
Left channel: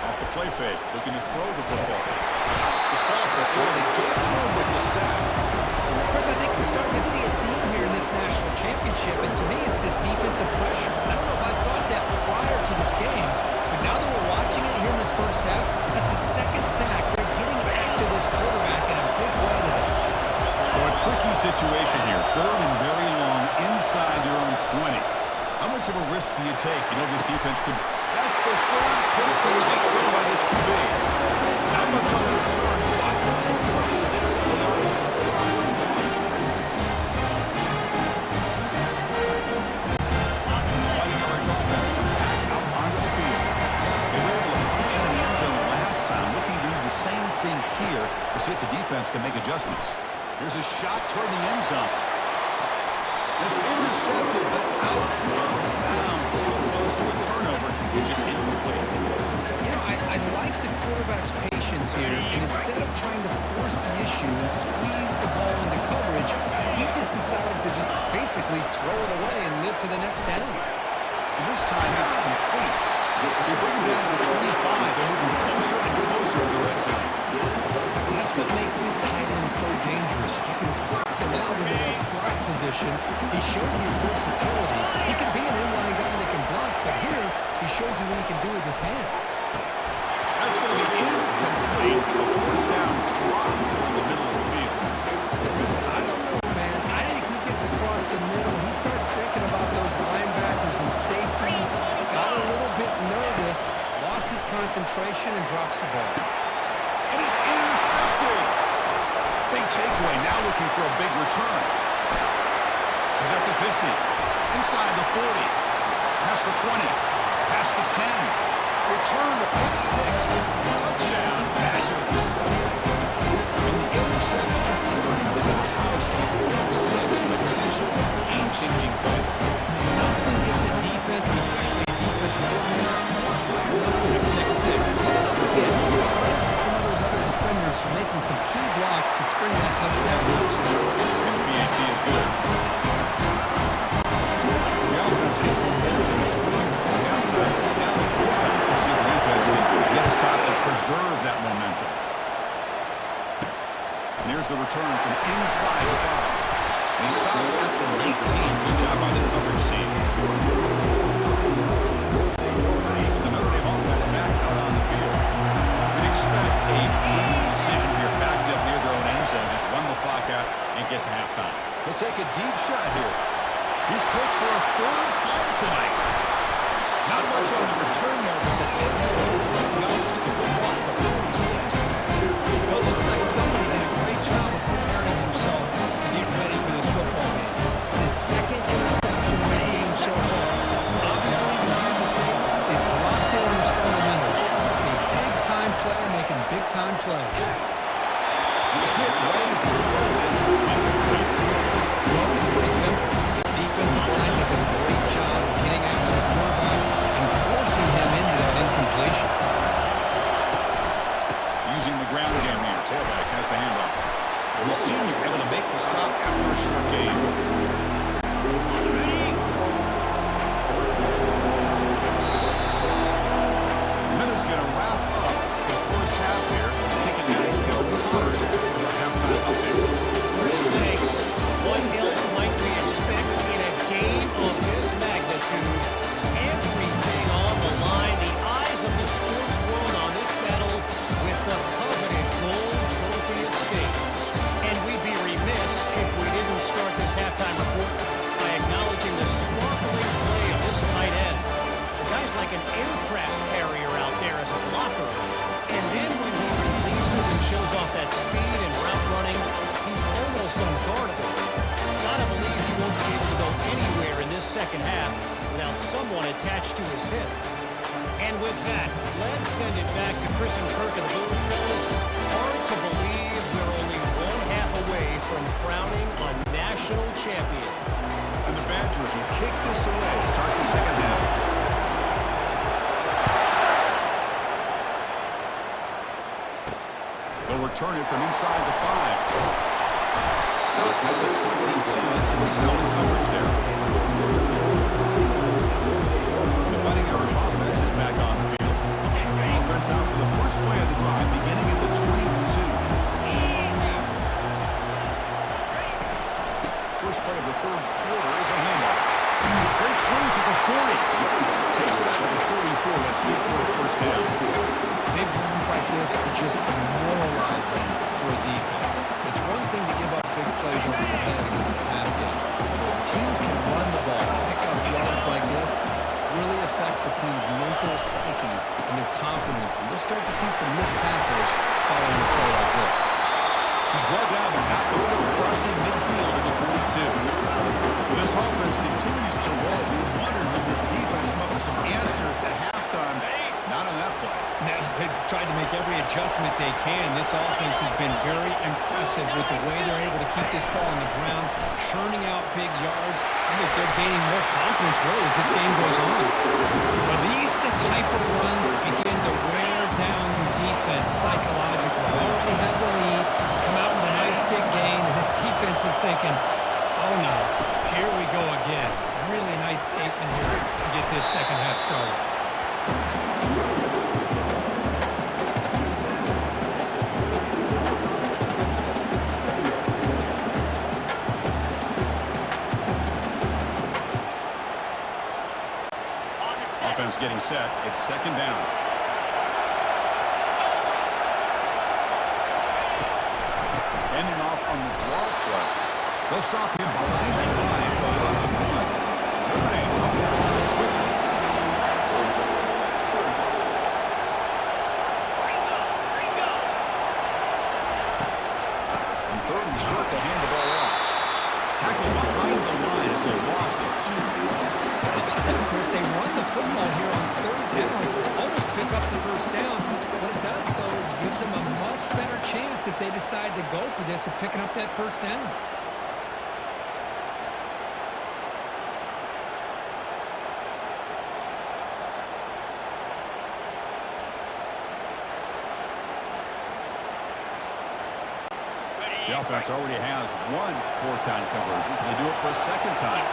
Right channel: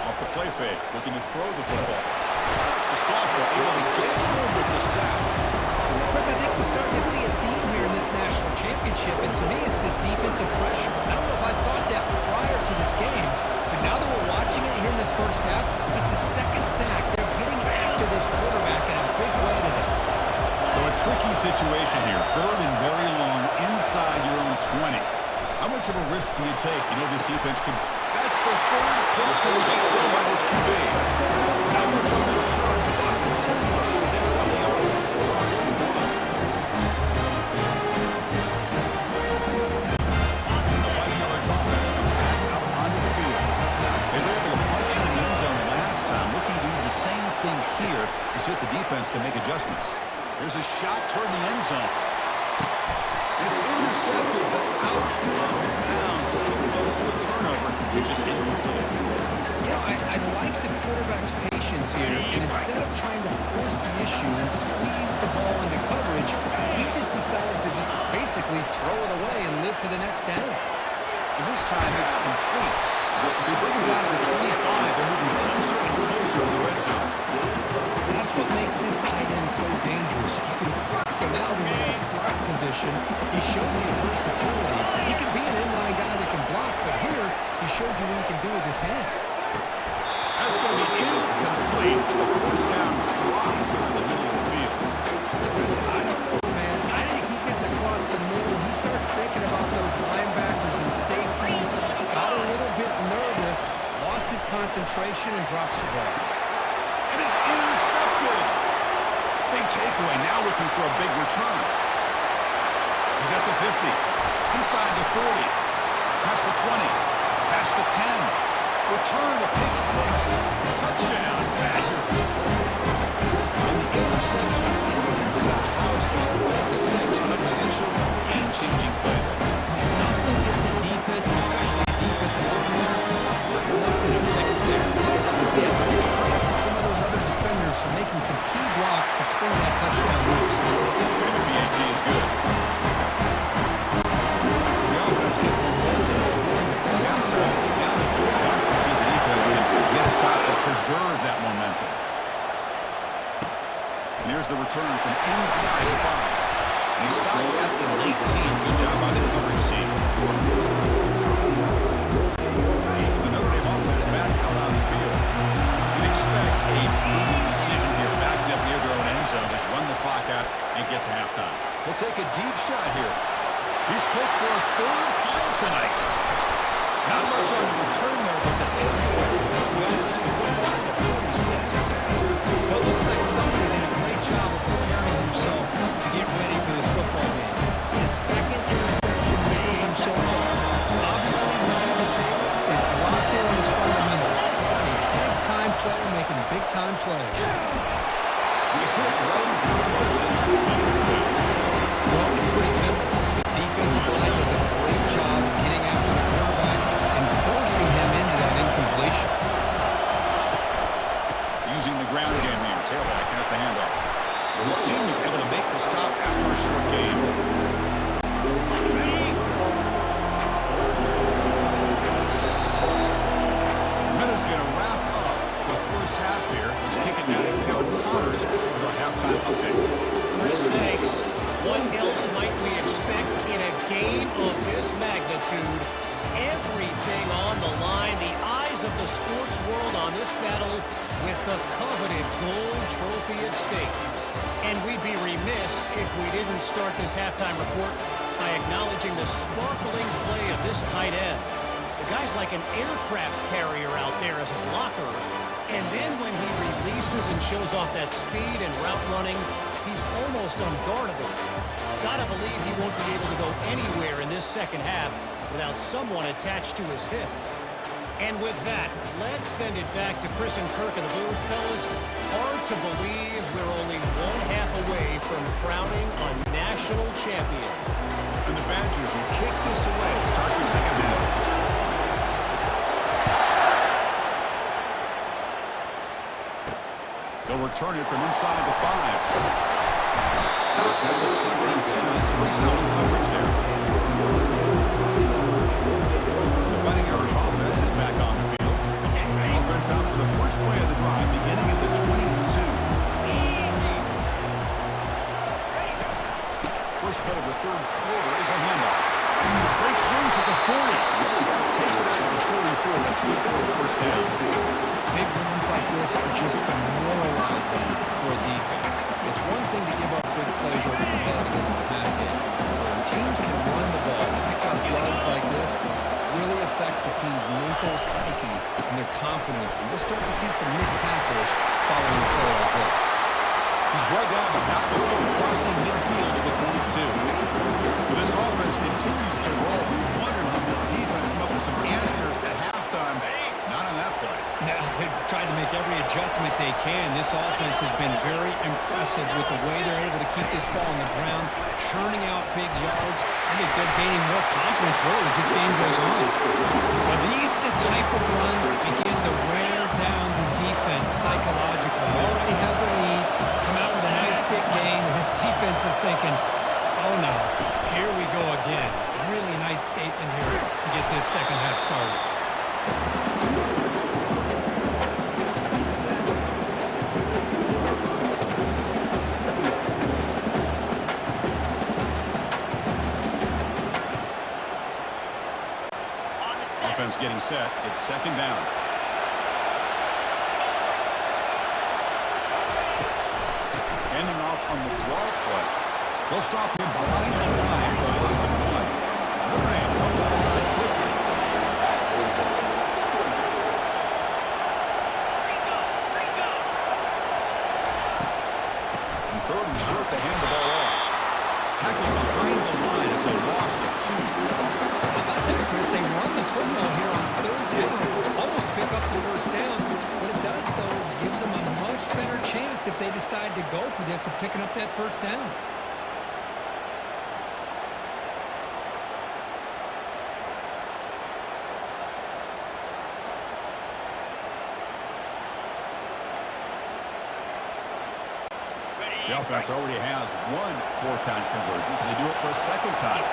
Off the play fake, looking to throw the football. The sophomore able to get home with the sack. Chris, I think we're starting to see a theme here in this national championship, and to me, it's this defensive pressure. I don't know if I thought that prior to this game, but now that we're watching it here in this first half, that's the second sack. They're getting after this quarterback in a big way today. So a tricky situation here. Third and very long inside your own 20. How much of a risk do you take? You know this defense could... That's the third pick tonight thrown by this QB. Not much on the return, but the takeover sets up the offense at the 41. The Fighting Irish offense comes back out onto the field. They were able to punch in the end zone last time, looking to do the same thing here to see if the defense can make adjustments. Here's a shot toward the end zone. And it's intercepted, but out of bounds. So close to a turnover, it's just incomplete. You know, I like the quarterback's patience here, and instead of trying to force the issue and squeeze the ball into coverage, he just decides to just basically throw it away and live for the next down. And this time it's complete. They bring him down to the 25. They're moving closer and closer to the red zone. That's what makes this tight end so dangerous. You can flex him out into that slot position. He shows you his versatility. He can be an inline guy that can block, but here he shows you what he can do with his hands. That's going to be incomplete. A first down drop here in the middle of the field. Chris, I don't know, man. I think he gets across the middle. He starts thinking about those linebackers and safeties. Got a little bit nervous, lost his concentration, and drops the ball. It is intercepted. Big takeaway, now looking for a big return. He's at the 50, inside the 40, past the 20, past the 10. Return to pick 6. Touchdown, Badgers. And the interception taken into the house, a pick 6 potential game-changing play. Man, nothing gets a defense, and especially a defensive coordinator, more fired up than a pick 6. Let's not forget, give credit to some of those other defenders for making some key blocks to spring that touchdown loose. And the PAT is good. The offense gets momentum scoring before halftime. Now they pick up to see the defense can get a stop and preserve that momentum. And here's the return from inside the 5. And he stopped at the 19. Good job by the coverage team. The Notre Dame offense back out on the field. We'd expect a prudent decision here, backed up near their own end zone. Just run the clock out and get to halftime. He'll take a deep shot here. He's picked for a third time tonight. Not much on the return there, but the takeaway of the offense, the football at the 46. Well, it looks like somebody did a great job of preparing himself to get ready for this football game. It's his second interception in this game so far. Obviously, reviewing the tape is locked in on his fundamentals. It's a big-time player making big-time plays. He was hit right as he throws it. Well, it's pretty simple. The defensive line does a great job of getting after the quarterback and forcing him into that incompletion. Using the ground game here. Tailback has the handoff. The senior able to make the stop after a short game. Minute's going to wrap up the first half here. Kicking out Kevin Connors with our halftime update. Chris, thanks. What else might we expect in a game of this magnitude? Everything on the line. The eyes of the sports world on this battle with the coveted gold trophy at stake. And we'd be remiss if we didn't start this halftime report by acknowledging the sparkling play of this tight end. The guy's like an aircraft carrier out there as a blocker. And then when he releases and shows off that speed and route running, he's almost unguardable. Gotta believe he won't be able to go anywhere in this second half without someone attached to his hip. And with that, let's send it back to Chris and Kirk in the booth. Fellas, hard to believe we're only one half away from crowning a national champion. And the Badgers will kick this away to start the second half. They'll return it from inside the 5. Stop at the 22. That's pretty solid coverage there. The Fighting Irish offense is back on the field. Offense out for the first play of the drive, beginning at the 22. First play of the third quarter is a handoff. Breaks loose at the 40. Takes it out to the 44. That's good for a first down. Big runs like this are just demoralizing for a defense. It's one thing to give up big plays over your head against the pass game. But when teams can run the ball, pick up yards like this, really affects the team's mental psyche and their confidence. And you'll start to see some missed tackles following a play like this. He's brought down, but not before crossing midfield at the 42. Well, this offense continues to roll. We wondered when this defense come up with some answers at halftime. Not on that play. Now, they've tried to make every adjustment they can. This offense has been very impressive with the way they're able to keep this ball on the ground, churning out big yards. I think they're gaining more confidence, really, as this game goes on. Are these the type of runs that begin to wear down the defense psychologically? They already have the lead, come out with a nice big gain, and this defense is thinking, oh no, here we go again. Really nice statement here to get this second half started. Offense getting set. It's second down. Ending off on the draw play. They'll stop him behind the line for a loss of 1. Notre Dame comes to the line quickly. And third and short, they hand the ball off. Tackled behind the line. It's a loss of 2. How about that, Chris? They run the football here on third down, almost pick up the first down. What it does, though, is gives them a much better chance if they decide to go for this of picking up that first down. The offense already has 1 fourth-down conversion. Can they do it for a second time?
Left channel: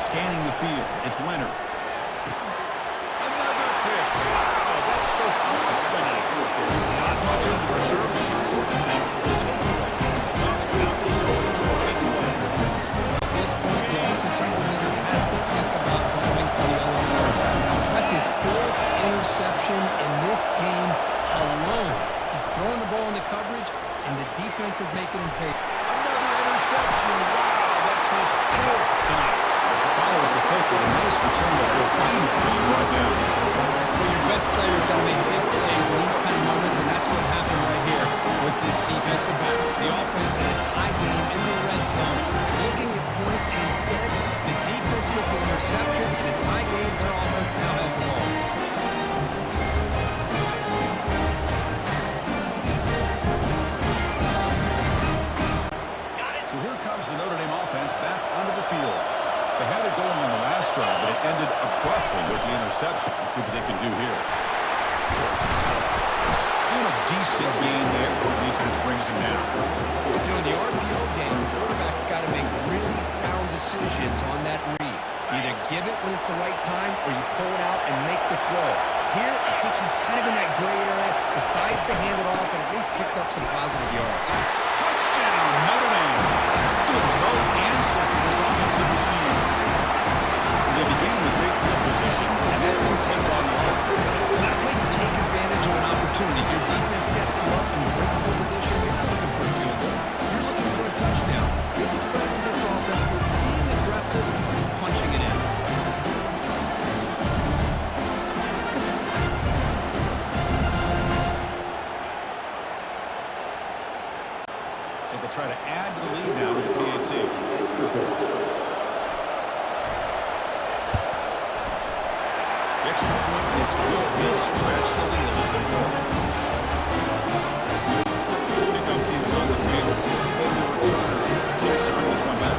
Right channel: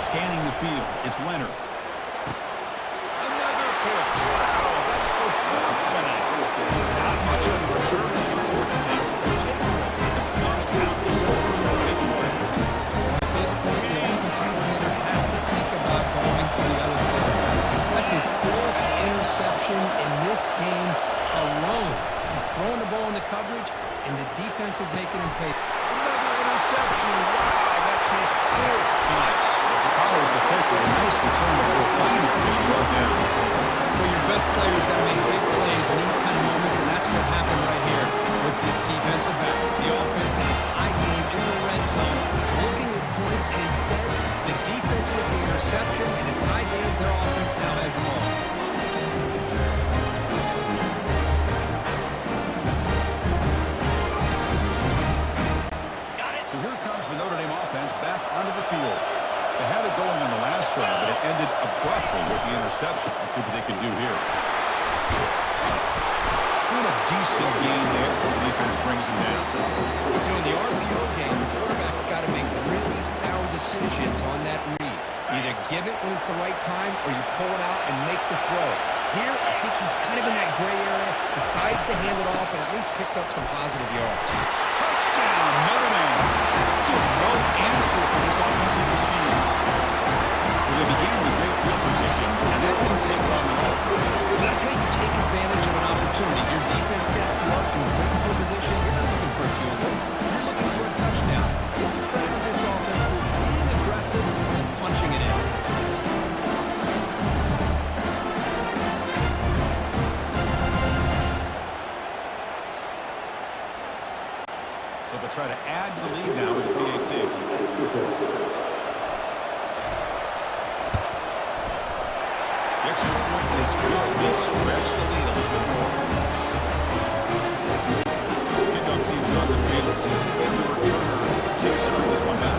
Scanning the field, it's Leonard. Another pick. Wow, that's the 4th tonight. Not much on the return. The important thing, the takeaway. He snuffs out the score for a big play. At this point, the offensive coordinator has to think about going to the other quarterback. That's his 4th interception in this game alone. He's throwing the ball in the coverage, and the defense is making him pay. Another interception. Wow, that's his 4th tonight. Follows the pick with a nice return before finally being brought down. Well, your best players got to make big plays in these kind of moments, and that's what happened right here with this defensive back. The offense in a tie game in the red zone, looking at points, and instead, the defense with the interception. In a tie game, their offense now has the ball. So here comes the Notre Dame offense back onto the field. They had it going on the last drive, but it ended abruptly with the interception. Let's see what they can do here. Doing a decent gain there before the defense brings him down. You know, in the RPO game, the quarterback's got to make really sound decisions on that read. Either give it when it's the right time, or you pull it out and make the throw. Here, I think he's kind of in that gray area, decides to hand it off, and at least picked up some positive yards. Touchdown, Notre Dame. Still no answer for this offensive machine. They began with great field position, and that didn't take long at all. That's how you take advantage of an opportunity. Your defense sets you up in great field position. You're not looking for a field goal. You're looking for a touchdown. Give the credit to this offense for being aggressive and punching it in. So they'll try to add to the lead now with the PAT. The extra point is good. They stretch the lead a little bit more. Kickoff team's on the field. Let's see if we give the returner a chance to bring this one back.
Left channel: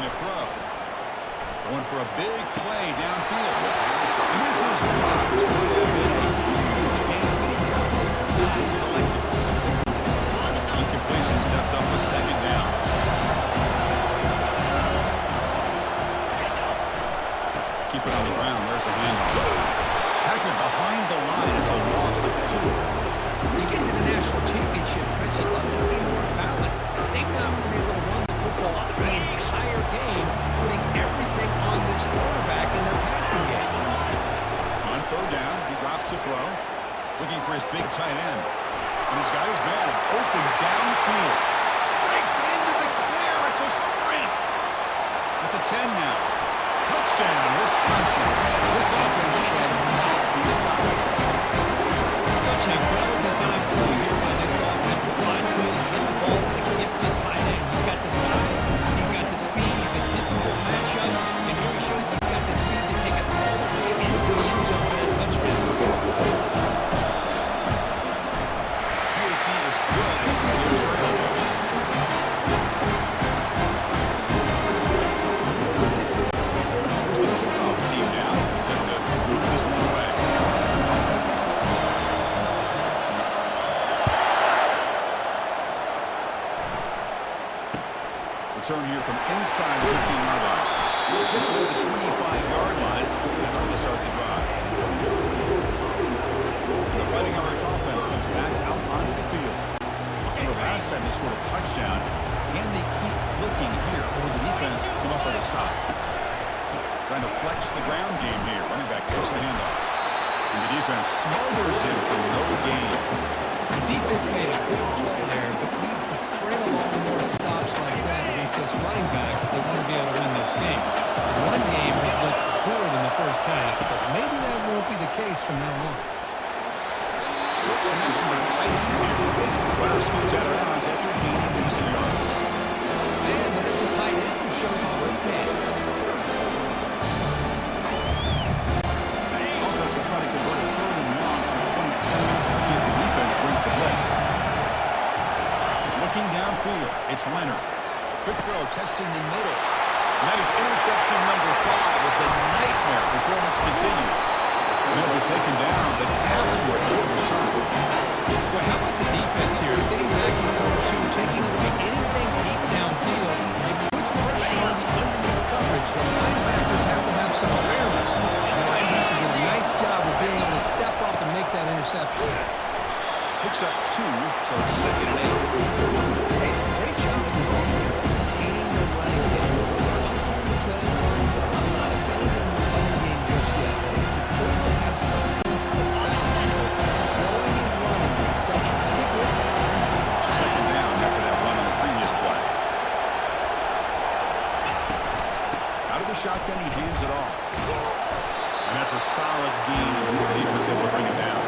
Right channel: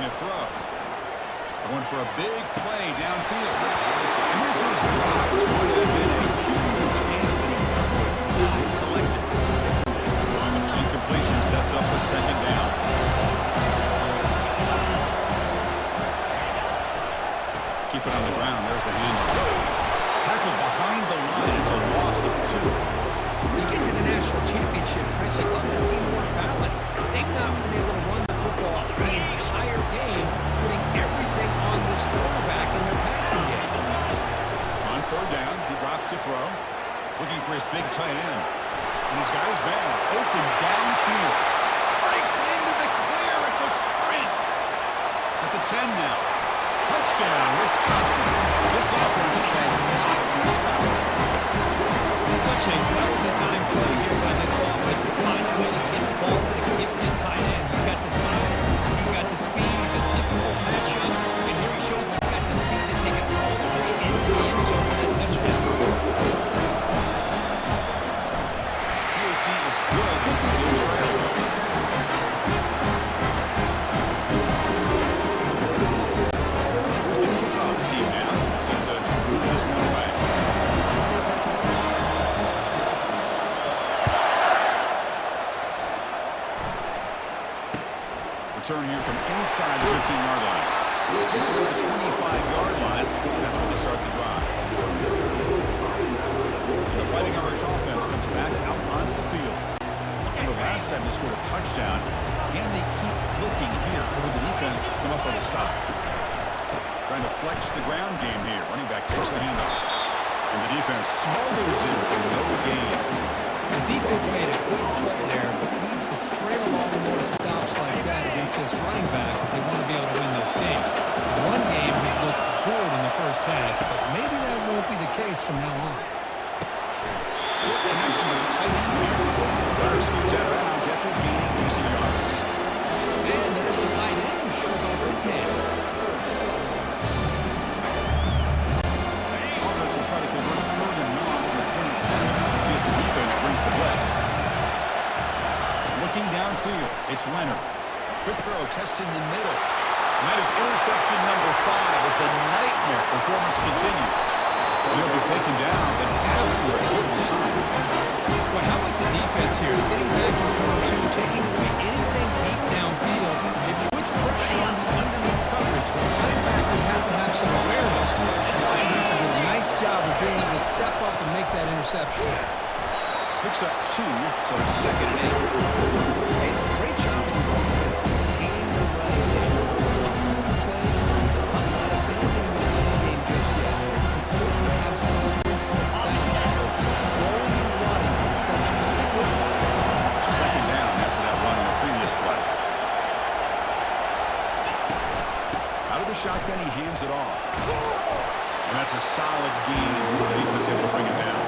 Making a throw. Going for a big play downfield. And this is dropped. Would have been a huge game, but he could not collect it. Incompletion sets up a second down. Keep it on the ground. There's the handoff. Tackled behind the line. It's a loss of 2. You get to the national championship, Chris, you'd love to see more balance. They've not been able to run the football the entire game, putting everything on this quarterback in their passing game. On third down, he drops to throw. Looking for his big tight end. And he's got his man open downfield. Breaks into the clear. It's a sprint. At the 10 now. Touchdown, Wisconsin. This offense cannot be stopped. Such a well-designed play here by this offense to find a way to get the ball to the gifted tight end. He's got the size, he's got the speed, he's a difficult matchup, and here he shows he's got the speed to take it all the way into the end zone for that touchdown. PAT is good. He's still trailing. Here's the kickoff team now, set to move this one away. Return here from inside the 15-yard line. Gets it to the 25-yard line. That's where they start the drive. The Fighting Irish offense comes back out onto the field. Remember last time they scored a touchdown. Can they keep clicking here, or will the defense come up with a stop? Trying to flex the ground game here. Running back takes the handoff. And the defense smothers him for no gain. The defense made a good play there, but needs to string along more stops like that against this running back if they want to be able to win this game. The run game has looked good in the first half, but maybe that won't be the case from now on. Short connection with a tight end here. Runner scoots out of bounds after gaining decent yards. And there's the tight end who shows off his hands. Offense will try to convert a third and long for 27. We'll see if the defense brings the blitz. Looking downfield, it's Leonard. Quick throw, testing the middle. And that is interception number 5 as the nightmare performance continues. And he'll be taken down, but after a good return. Well, how about the defense here? Sitting back in cover 2, taking away anything deep downfield. It puts pressure on the underneath coverage. The linebackers have to have some awareness. This linebacker did a nice job of being able to step up and make that interception. Picks up 2, so it's 2nd and 8. Hey, it's a great job of this defense containing the running game. If I'm calling plays, I'm not abandoning the running game just yet. I think it's important to have some sense of balance. So throwing and running is essential. Stick with it. 2nd down after that run on the previous play. Out of the shotgun, he hands it off. And that's a solid gain before the defense able to bring him down.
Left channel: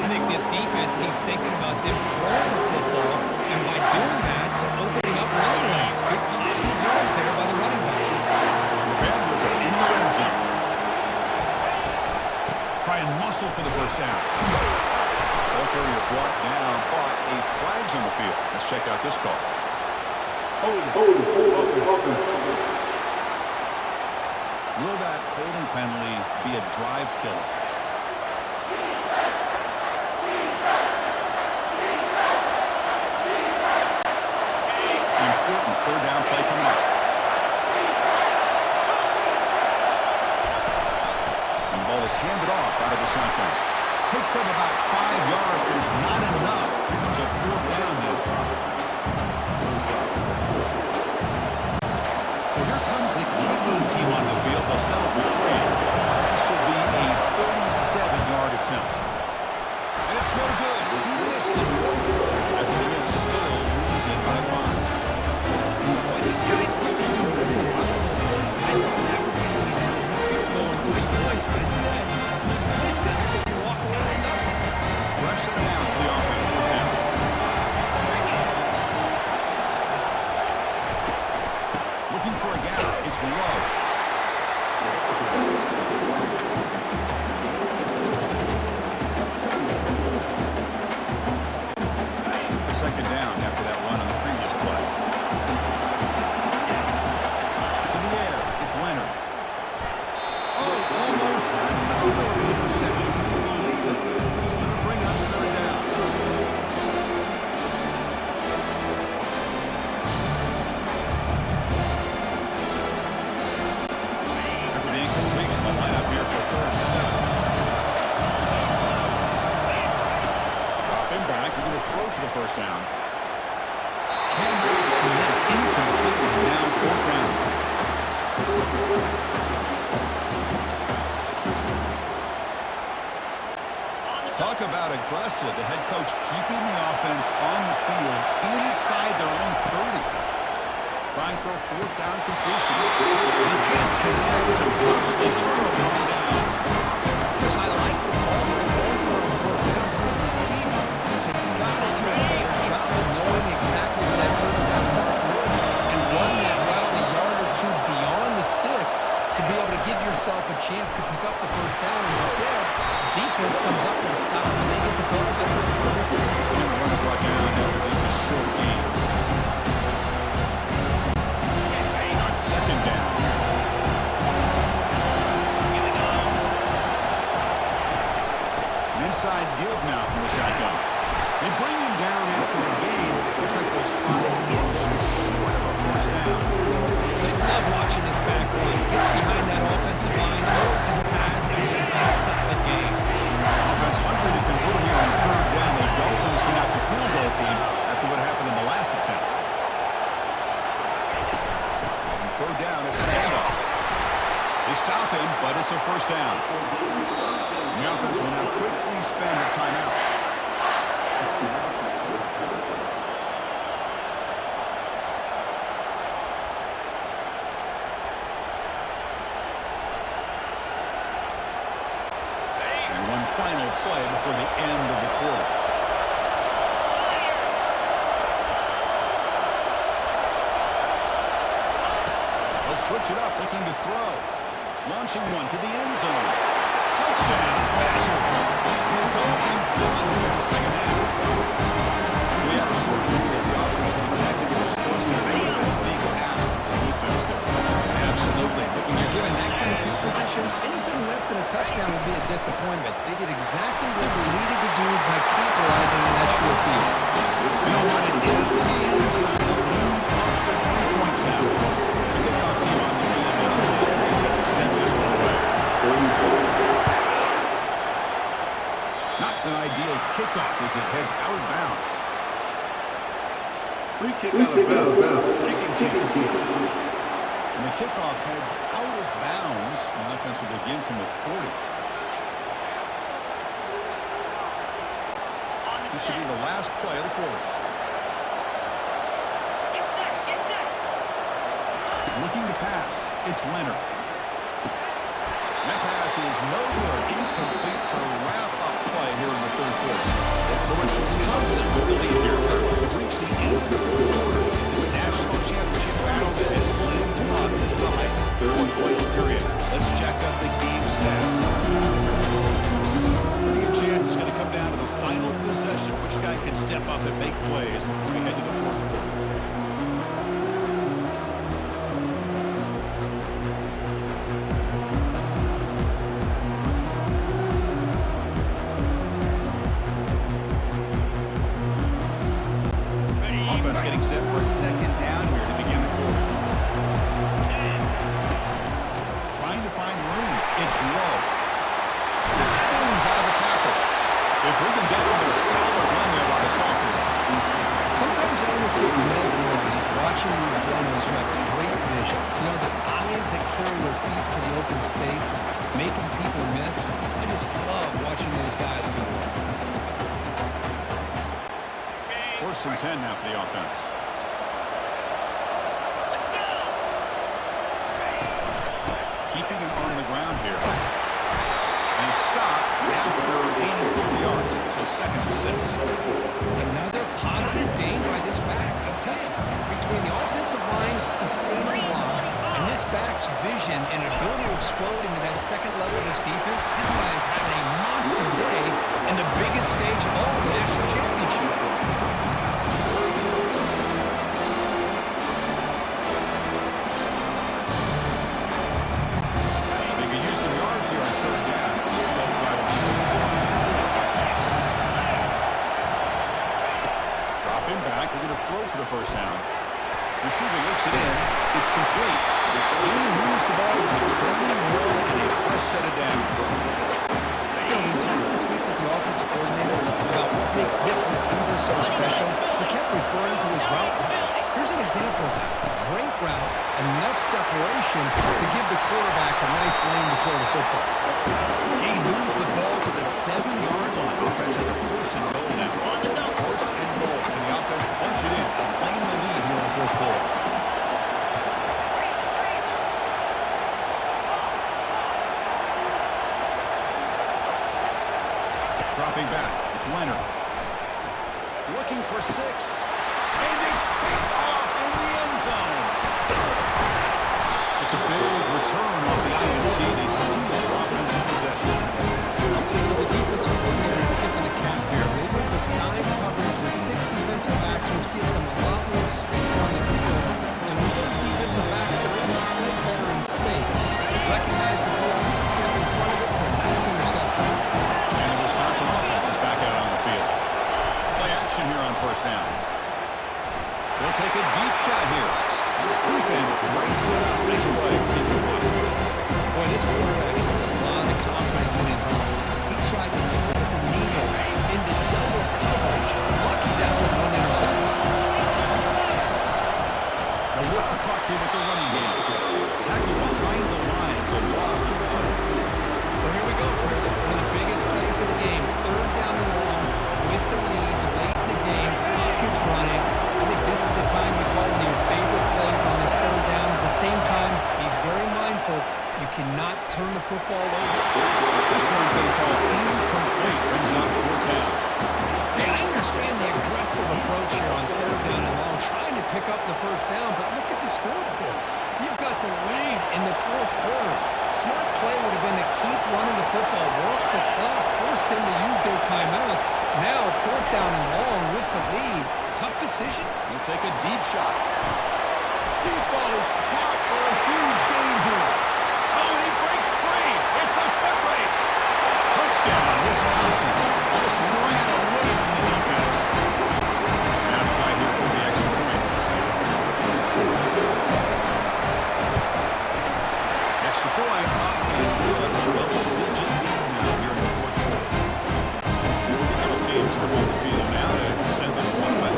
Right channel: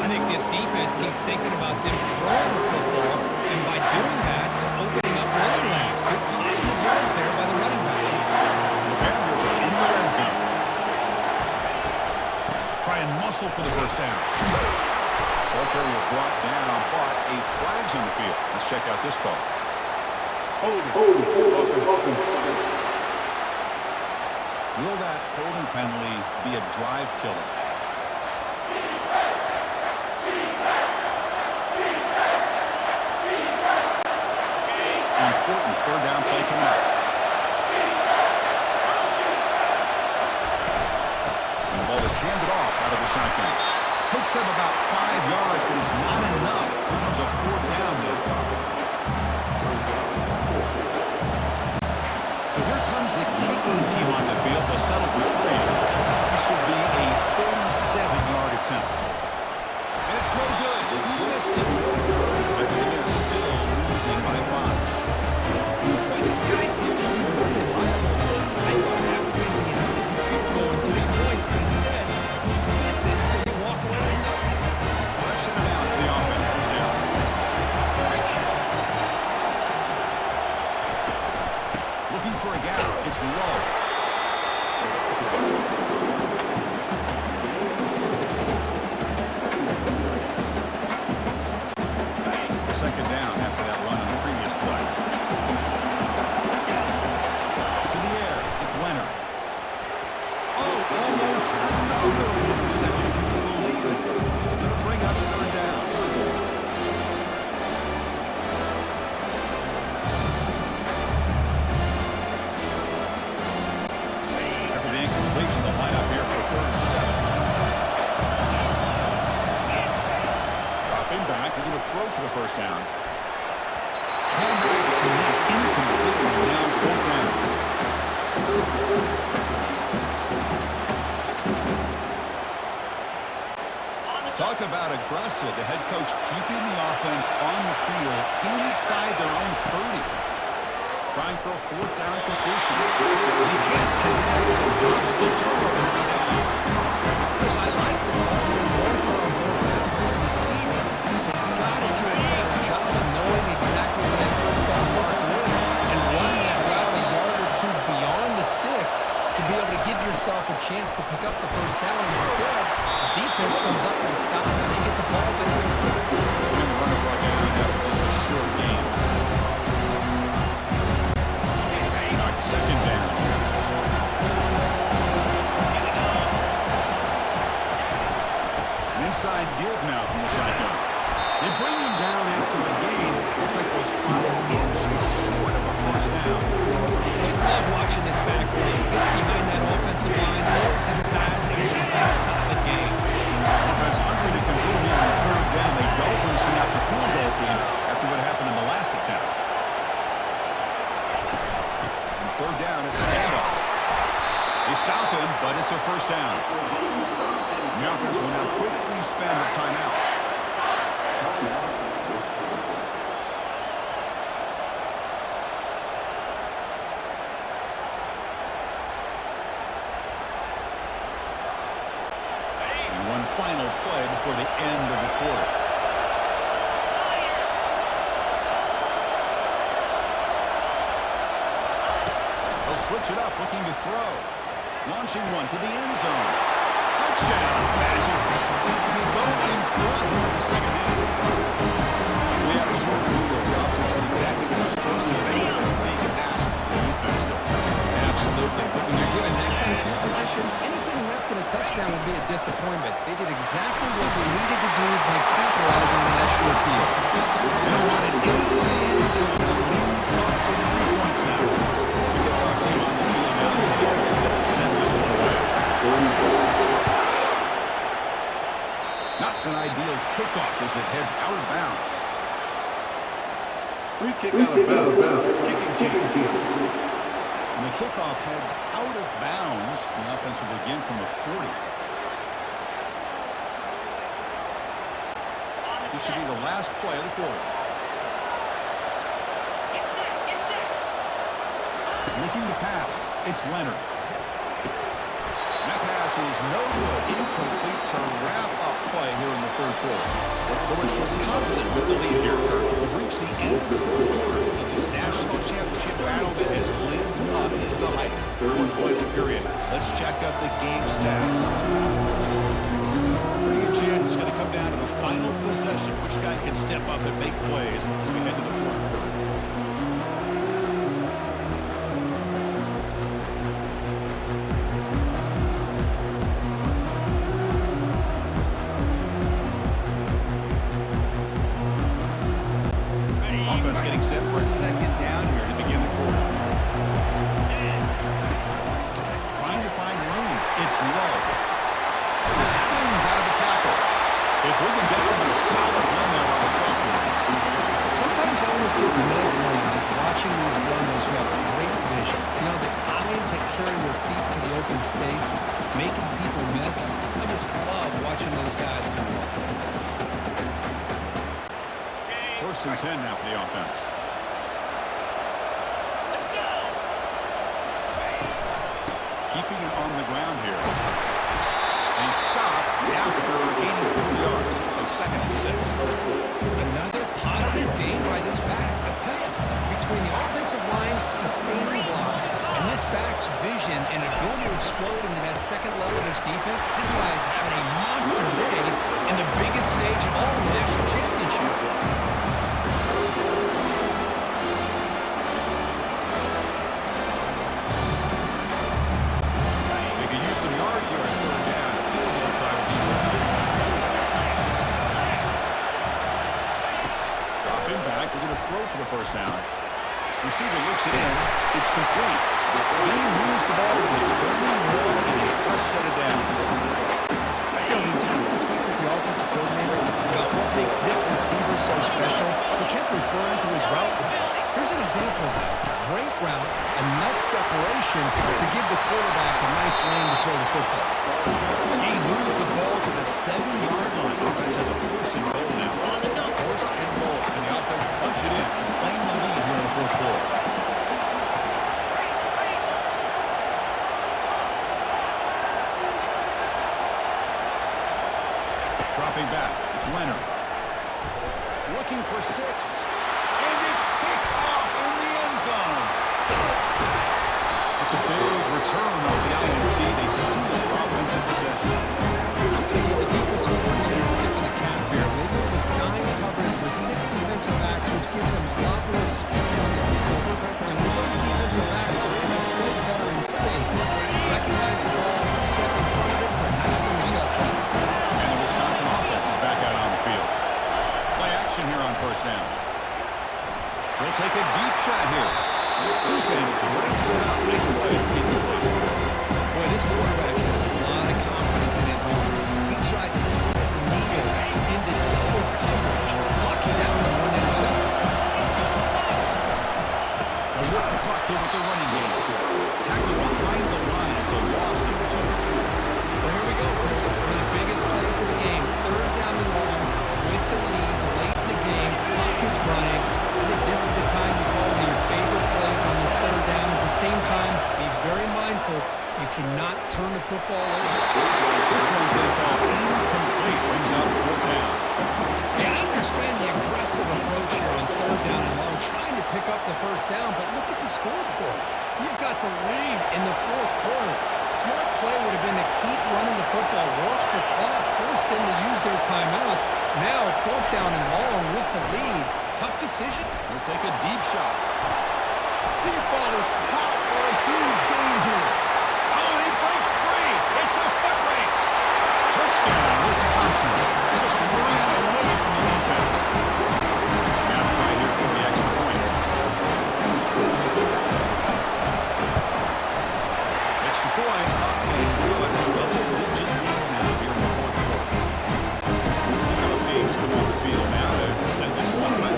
I think this defense keeps thinking about them throwing the football, and by doing that, they're opening up running lanes. Good positive yards there by the running back. The Badgers are in the red zone. Try and muscle for the first down. Ball carrier brought down, but a flag's on the field. Let's check out this call. Holding. Will that holding penalty be a drive killer? Important third down play coming up. And the ball is handed off out of the shotgun. Takes up about 5 yards, but it's not enough. Here comes a 4th down now. So here comes the kicking team on the field. They'll settle for 3. This will be a 37-yard attempt. And it's no good. He missed it. After the miss, still losing by 5. Boy, this guy's usually really reliable for us. I thought that was going to be an easy field goal and 3 points, but instead, he misses, so you walk away with nothing. Fresh set of downs for the offense. First down. Looking for a gap. It's low. Second down after that run on the previous play. Leonard. Oh, almost another interception. Can you believe it? It's going to bring up third down. After the incompletion, the lineup here for 3rd and 7. Dropping back. They're going to throw for the first down. Cannot connect incompletely. Now 4th down. Talk about aggressive. The head coach keeping the offense on the field inside their own 30. Trying for a 4th down completion. They can't connect to costly turnover on downs. Chris, I like the call here going for on 4th down, but the receiver has got to do a better job of knowing exactly where that first down marker is and run that route a yard or two beyond the sticks to be able to give yourself a chance to pick up the first down. Instead, the defense comes up with a stop and they get the ball back. And the runner brought down after just a short gain. Now it's 2nd down. Here we go. An inside give now from the shotgun. They bring him down after a gain. Looks like they'll spot an inch short of a first down. Just love watching this back line. Gets behind that offensive line, lowers his pads, and it's a nice solid game. Offense hungry to convert here on 3rd down. They don't want to send out the field goal team after what happened in the last attempt. And 3rd down is a handoff. They stop him, but it's a first down. The offense will now quickly spend a timeout. And one final play before the end of the quarter. They'll switch it up, looking to throw. Launching one to the end zone. Touchdown, Badgers. They go in front here in the second half. We had a short field. The offense did exactly what they're supposed to. They would have been a big ask for the defense there. Absolutely. But when you're given that kind of field position, anything less than a touchdown would be a disappointment. They did exactly what they needed to do by capitalizing on that short field. They don't want it into the end zone. They'll lead up to 3 points now. The kickoff team on the field now is set to send this one away. Not an ideal kickoff as it heads out of bounds. Free kick out of bounds. Kicking team. And the kickoff heads out of bounds. The offense will begin from the 40. This should be the last play of the quarter. Get set. Looking to pass. It's Leonard. That pass is no good. Incomplete to wrap up play here in the 3rd quarter. So it's Wisconsin with the lead here, Kurt. We've reached the end of the 3rd quarter in this national championship battle that has lived up to the hype for the final period. Let's check out the game stats. Pretty good chance it's going to come down to the final possession. Which guy can step up and make plays as we head to the 4th quarter. Offense getting set for a 2nd down here to begin the quarter. Trying to find room. It's low. He spins out of the tackle. They bring him down with a solid run there by the sophomore. Sometimes I almost get mesmerized watching these runners who have great vision. You know, the eyes that carry their feet to the open space, making people miss. I just love watching those guys do work. 1st and 10 now for the offense. Let's go. Keeping it on the ground here. And he stopped after gaining 4 yards. So 2nd and 6. Another positive gain by this back. I'll tell you, between the offensive line sustaining blocks and this back's vision and ability to explode into that second level of this defense, this guy is having a monster day in the biggest stage of all, the national championship. yards here on third down. Field goal try will be good. Dropping back. We're going to throw for the first down. Receiver looks it in. It's complete. He moves the ball to the 21 and a fresh set of downs. You know, we talked this week with the offensive coordinator about what makes this receiver so special. He kept referring to his route running. Here's an example of that. Great route, enough separation to give the quarterback a nice lane to throw the football. He moves the ball to the 7-yard line. Offense has a first and goal now. First and goal, and the offense punch it in and claim the lead here in the fourth quarter. Dropping back, it's Leonard. Looking for 6, and it's picked off in the end zone. It's a big return off the INT. They steal their offensive possession. I'm going to give the defensive coordinator a tip of the cap here. They move with 9 coverage with 6 defensive backs, which gives them a lot more speed on the field. And with those defensive backs, they're able to play better in space. Recognize the ball, step in front of it for a nice interception. And the Wisconsin offense is back out on the field. Play action here on first down. They'll take a deep shot here. Defense breaks it up. Nice play. Boy, this quarterback has a lot of confidence in his arm. He tried to thread the needle into double coverage. Lucky that one intercepted. They'll work the clock here with the running game. Tackle behind the line. It's a loss of 2. Well, here we go, Chris. One of the biggest plays of the game. Third down and long with the lead late in the game. Clock is running. I think this is the time to call one of your favorite plays on this third down. At the same time, be very mindful. You cannot turn the football over. This one's going to fall incomplete. Brings up fourth down. Hey, I understand the aggressive approach here on third down and long, trying to pick up the first down, but look at the scoreboard. You've got the lead in the fourth quarter. Smart play would have been to keep running the football, work the clock, force them to use their timeouts. Now, fourth down and long with the lead. Tough decision. He'll take a deep shot. Deep ball is caught for a huge gain here. Oh, and he breaks free. It's a foot race. Touchdown, Wisconsin. Just ran away from the defense. Now to try here for the extra point. Extra point up and good. Double-digit lead now here in the fourth quarter. A couple teams come on the field now to send this one away.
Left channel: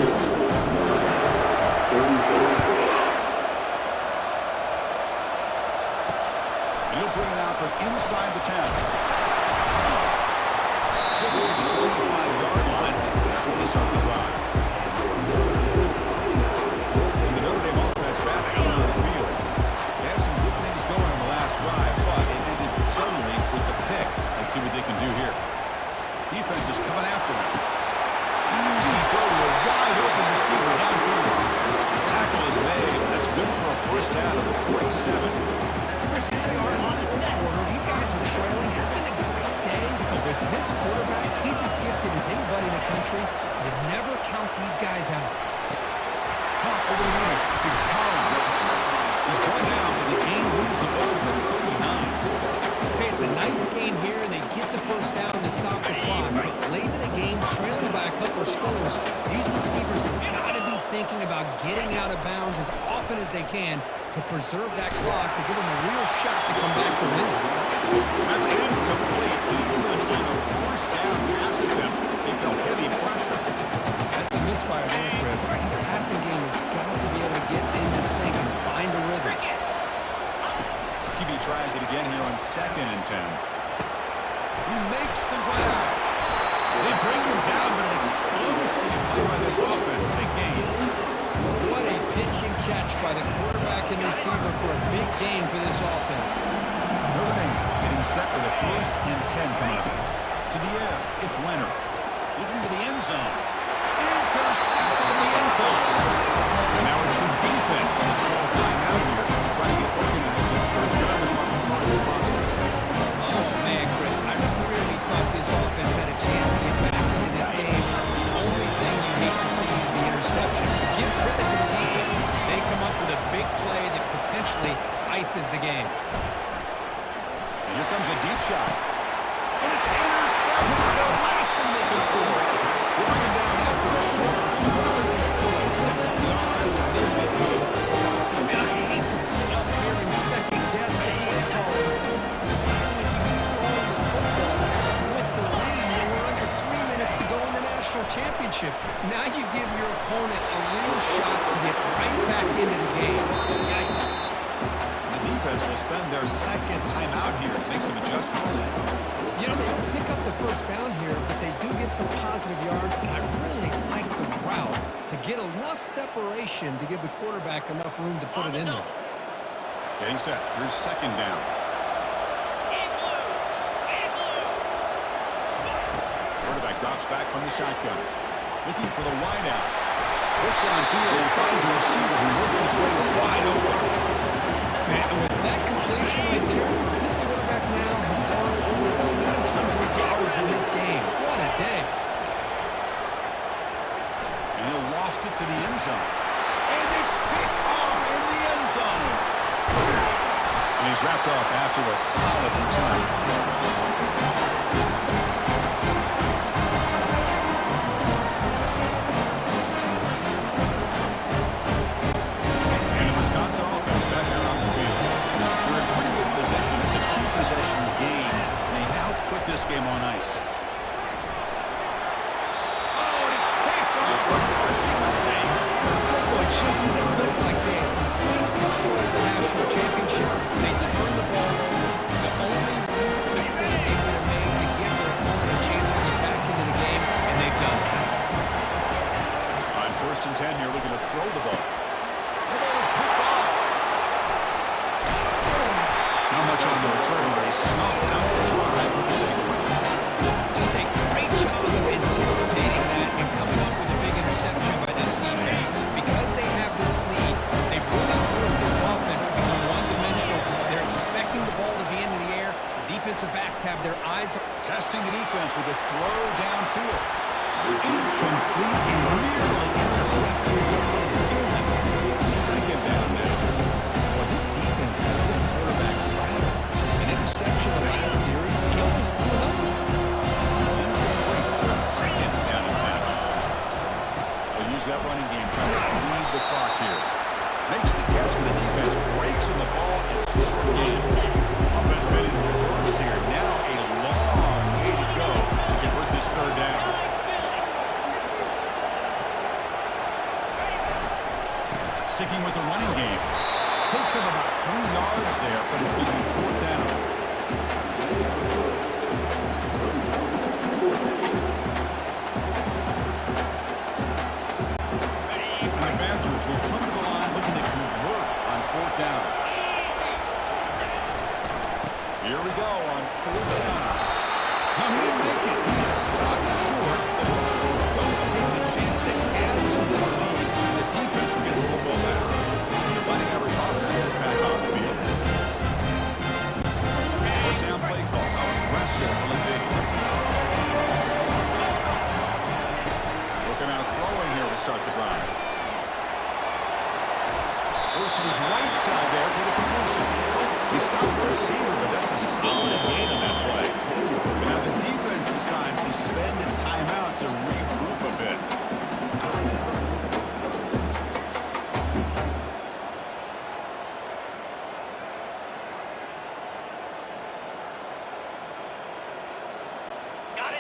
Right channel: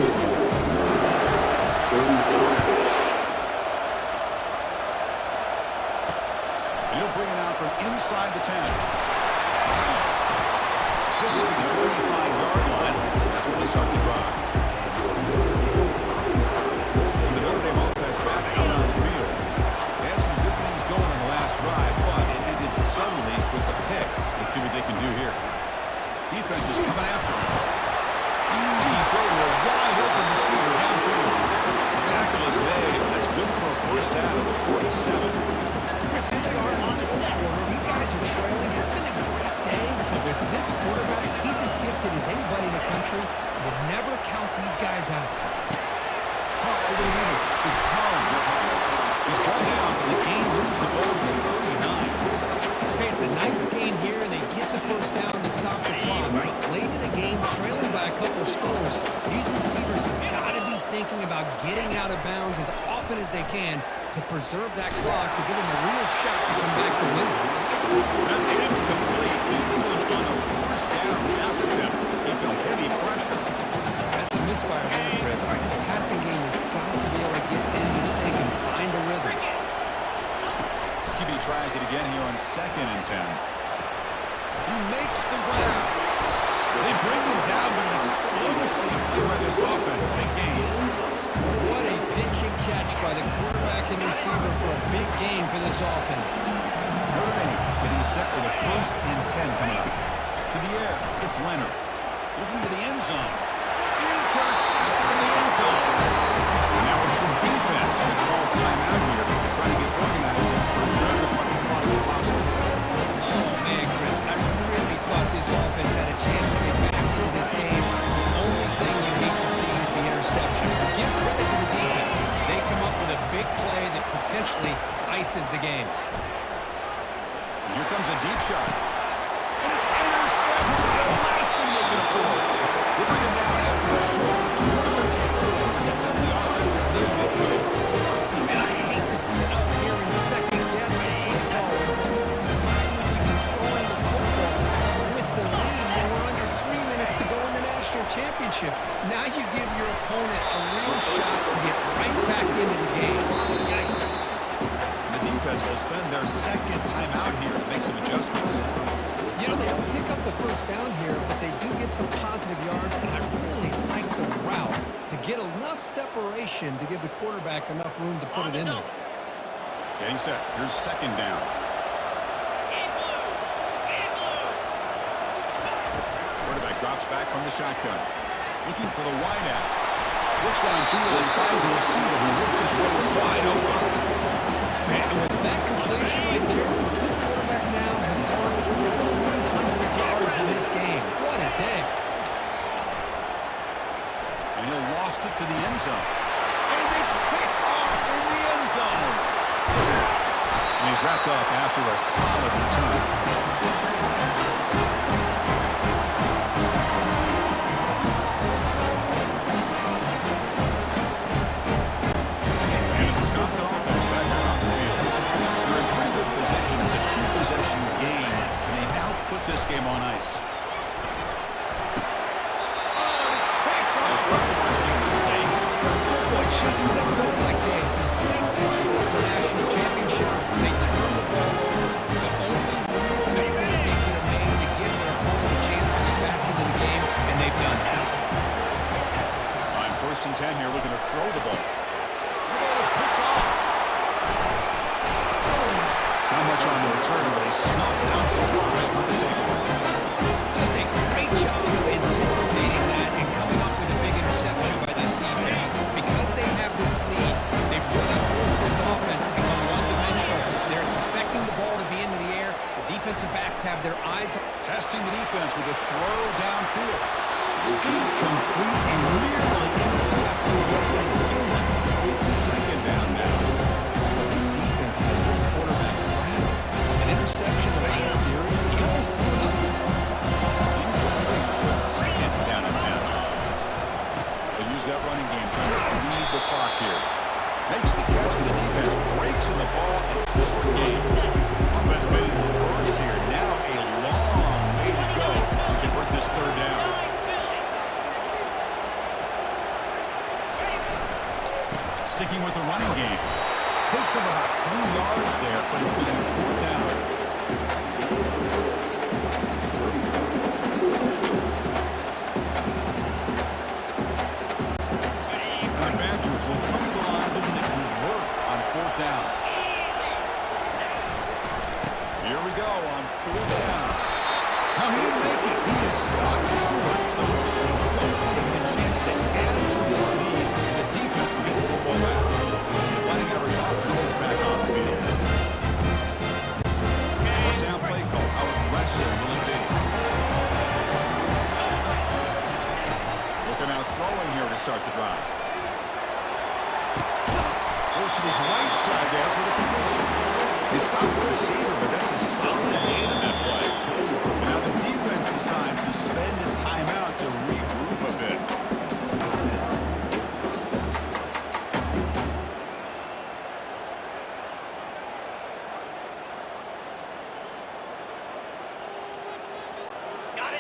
And he'll bring it out from inside the 10. Gets it to the 25-yard line. That's where they start the drive. And the Notre Dame offense back out on the field. They had some good things going on the last drive, but it ended suddenly with the pick. Let's see what they can do here. Defense is coming after him. Easy throw to a wide-open receiver downfield. Tackle is made. That's good for a first down of the 47. Chris, here we are in the fourth quarter. These guys are trailing. Had been a great day, but with this quarterback, he's as gifted as anybody in the country. You never count these guys out. Caught over the middle. It's Collins. He's brought down, but the game moves the ball to the 39. Hey, it's a nice game here, and they get the first down to stop the clock. But late in the game, trailing by a couple scores, these receivers have got to be thinking about getting out of bounds as often as they can to preserve that clock, to give them a real shot to come back to winning. That's incomplete. Even on a first down pass attempt, he felt heavy pressure. That's a misfire there, Chris. This passing game has got to be able to get into sync and find a rhythm. QB tries it again here on 2nd and 10. He makes the grab. They bring him down, but an explosive play by this offense. Big gain. What a pitch and catch by the quarterback and receiver for a big gain for this offense. Notre Dame getting set with a 1st and 10 coming up. To the air, it's Leonard. Looking to the end zone. Intercepted in the end zone. And now it's the defense that calls timeout here, trying to get organized and preserve as much clock as possible. Oh, man, Chris, I really thought this offense had a chance to get back into this game. The only thing you hate to see is the interception. Give credit to the defense. They come up with a big play that potentially ices the game. And here comes a deep shot. And it's intercepted. The last thing they could afford. They bring him down after a short return. The takeaway sets up the offense near midfield. And I hate to sit up here and second-guess the play calling. Why would you be throwing the football with the lead when we're under 3 minutes to go in the national championship? Now you give your opponent a real shot to get right back into the game. Yikes. The defense will spend their second timeout here to make some adjustments. You know, they don't pick up the first down here, but they do get some positive yards, and I really like the route to get enough separation to give the quarterback enough room to put it in there. Getting set. Here's second down. Quarterback drops back from the shotgun. Looking for the wide out. Looks downfield and finds a receiver who worked his way wide open. Man, and with that completion right there, this quarterback now has gone over 300 yards in this game. What a day. And he'll loft it to the end zone. And it's picked off in the end zone. And he's wrapped up after a solid return. Wisconsin offense back out on the field. They're in pretty good position. It's a two-possession game, and they now put this game on ice. Oh, and it's picked off. A crushing mistake. Boy, just when it looked like they had complete control of the national championship, they turned the ball over. The only real mistake they could have made to give their opponent a chance to get back into the game, and they've done it. On 1st and 10 here, looking to throw the ball. The ball is picked off. Not much on the return, but they snuff out the drive with the takeaway. Just a great job of anticipating that and coming up with a big interception by this defense. Because they have this lead, they've really forced this offense to become one-dimensional. They're expecting the ball to be into the air. The defensive backs have their eyes on... Testing the defense with a throw downfield. Incomplete and nearly intercepted yet again. Second down now. Well, this defense has this quarterback rattled. An interception the last series, he almost threw another one. Incomplete to a second down and 10. They'll use that running game trying to lead the clock here. Makes the catch for the defense, breaks in the ball, and it's a short game. Offense made in reverse here. Now a long way to go to convert this third down. Sticking with the running game. Picks up about 3 yards there, but it's going to be 4th down. And the Badgers will come to the line looking to convert on 4th down. Here we go on 4th down. No, he didn't make it. He is stopped short, so they don't take the chance to add to this lead. The defense will get the football back. The Fighting Irish offense is back on the field. First down play call. How aggressive will it be? Looking out throwing here to start the drive. Goes to his right side there for the completion. He stopped the receiver, but that's a solid gain in that play. And now the defense decides to spend a timeout to regroup a bit.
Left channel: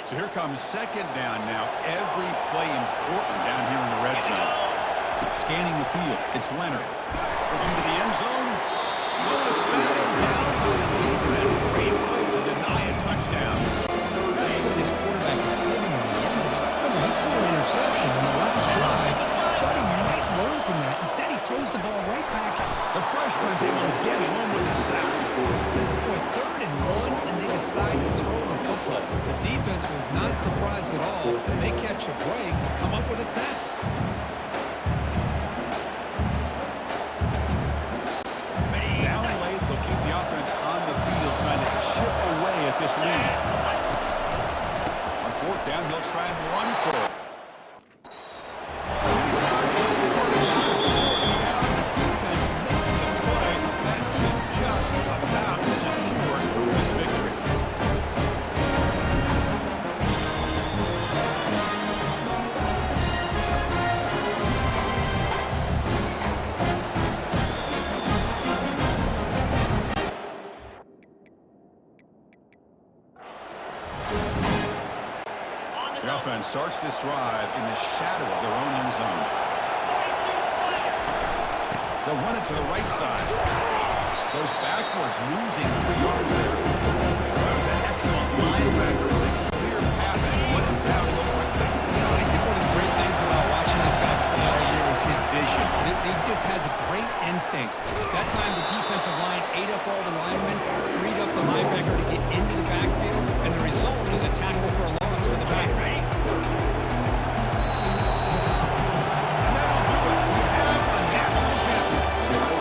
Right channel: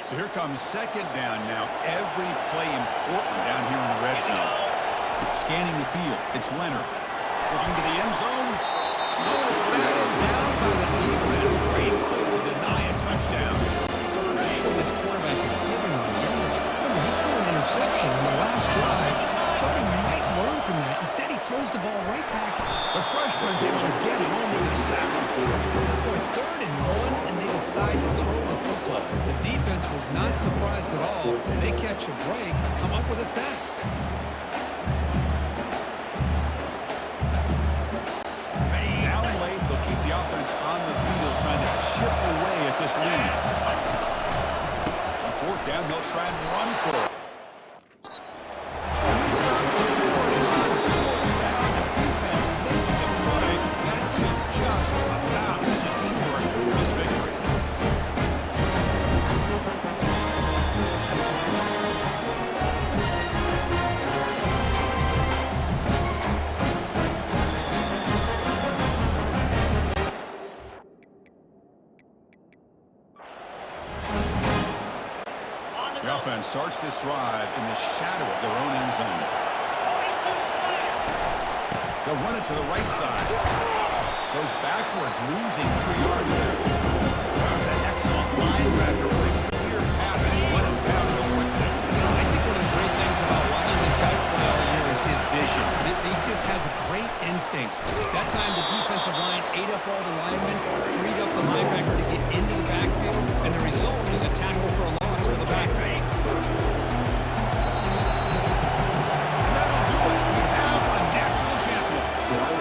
So here comes second down now. Every play important down here in the red zone. Scanning the field. It's Leonard. Looking to the end zone. No, it's batted down by the defense. Great play to deny a touchdown. This quarterback is living on the edge. Remember, he threw an interception on the last drive. Thought he might learn from that. Instead, he throws the ball right back. The freshman's able to get home with a sack. Boy, 3rd and 1, and they decide to throw the football. The defense was not surprised at all. They catch a break, come up with a sack. Down late, they'll keep the offense on the field trying to chip away at this lead. On 4th down, they'll try and run for it. He's not short on 4th down. The defense making the play. That should just about secure this offense starts this drive in the shadow of their own end zone. They'll run it to the right side. Goes backwards, losing 3 yards there. That was an excellent linebacker with a clear path as he went and pound to go quickly. You know, I think one of the great things about watching this guy play all year is his vision. He just has great instincts. That time the defensive line ate up all the linemen, freed up the linebacker to get into the backfield, and the result is a tackle for a loss for the backer. And that'll do it. We have a national champion.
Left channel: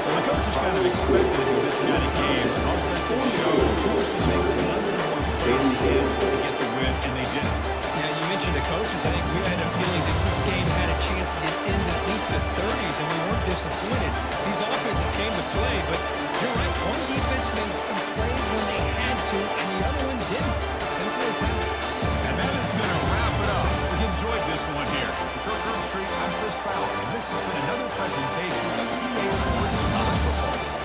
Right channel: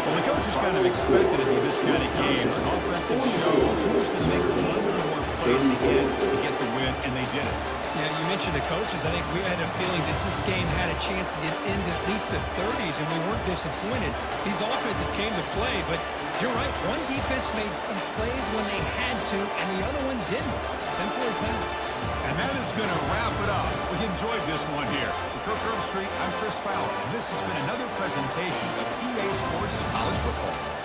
Well, the coaches kind of expected it to be this kind of game, an offensive show. Who's going to make one or more plays at the end to get the win, and they did it. Yeah, you mentioned the coaches. I think we had a feeling that this game had a chance to get into at least the 30s, and we weren't disappointed. These offenses came to play, but you're right. One defense made some plays when they had to, and the other one didn't. Simple as that. And that is going to wrap it up. We enjoyed this one here. For Kirk Herbstreit, I'm Chris Fowler, and this has been another presentation of EA Sports College Football.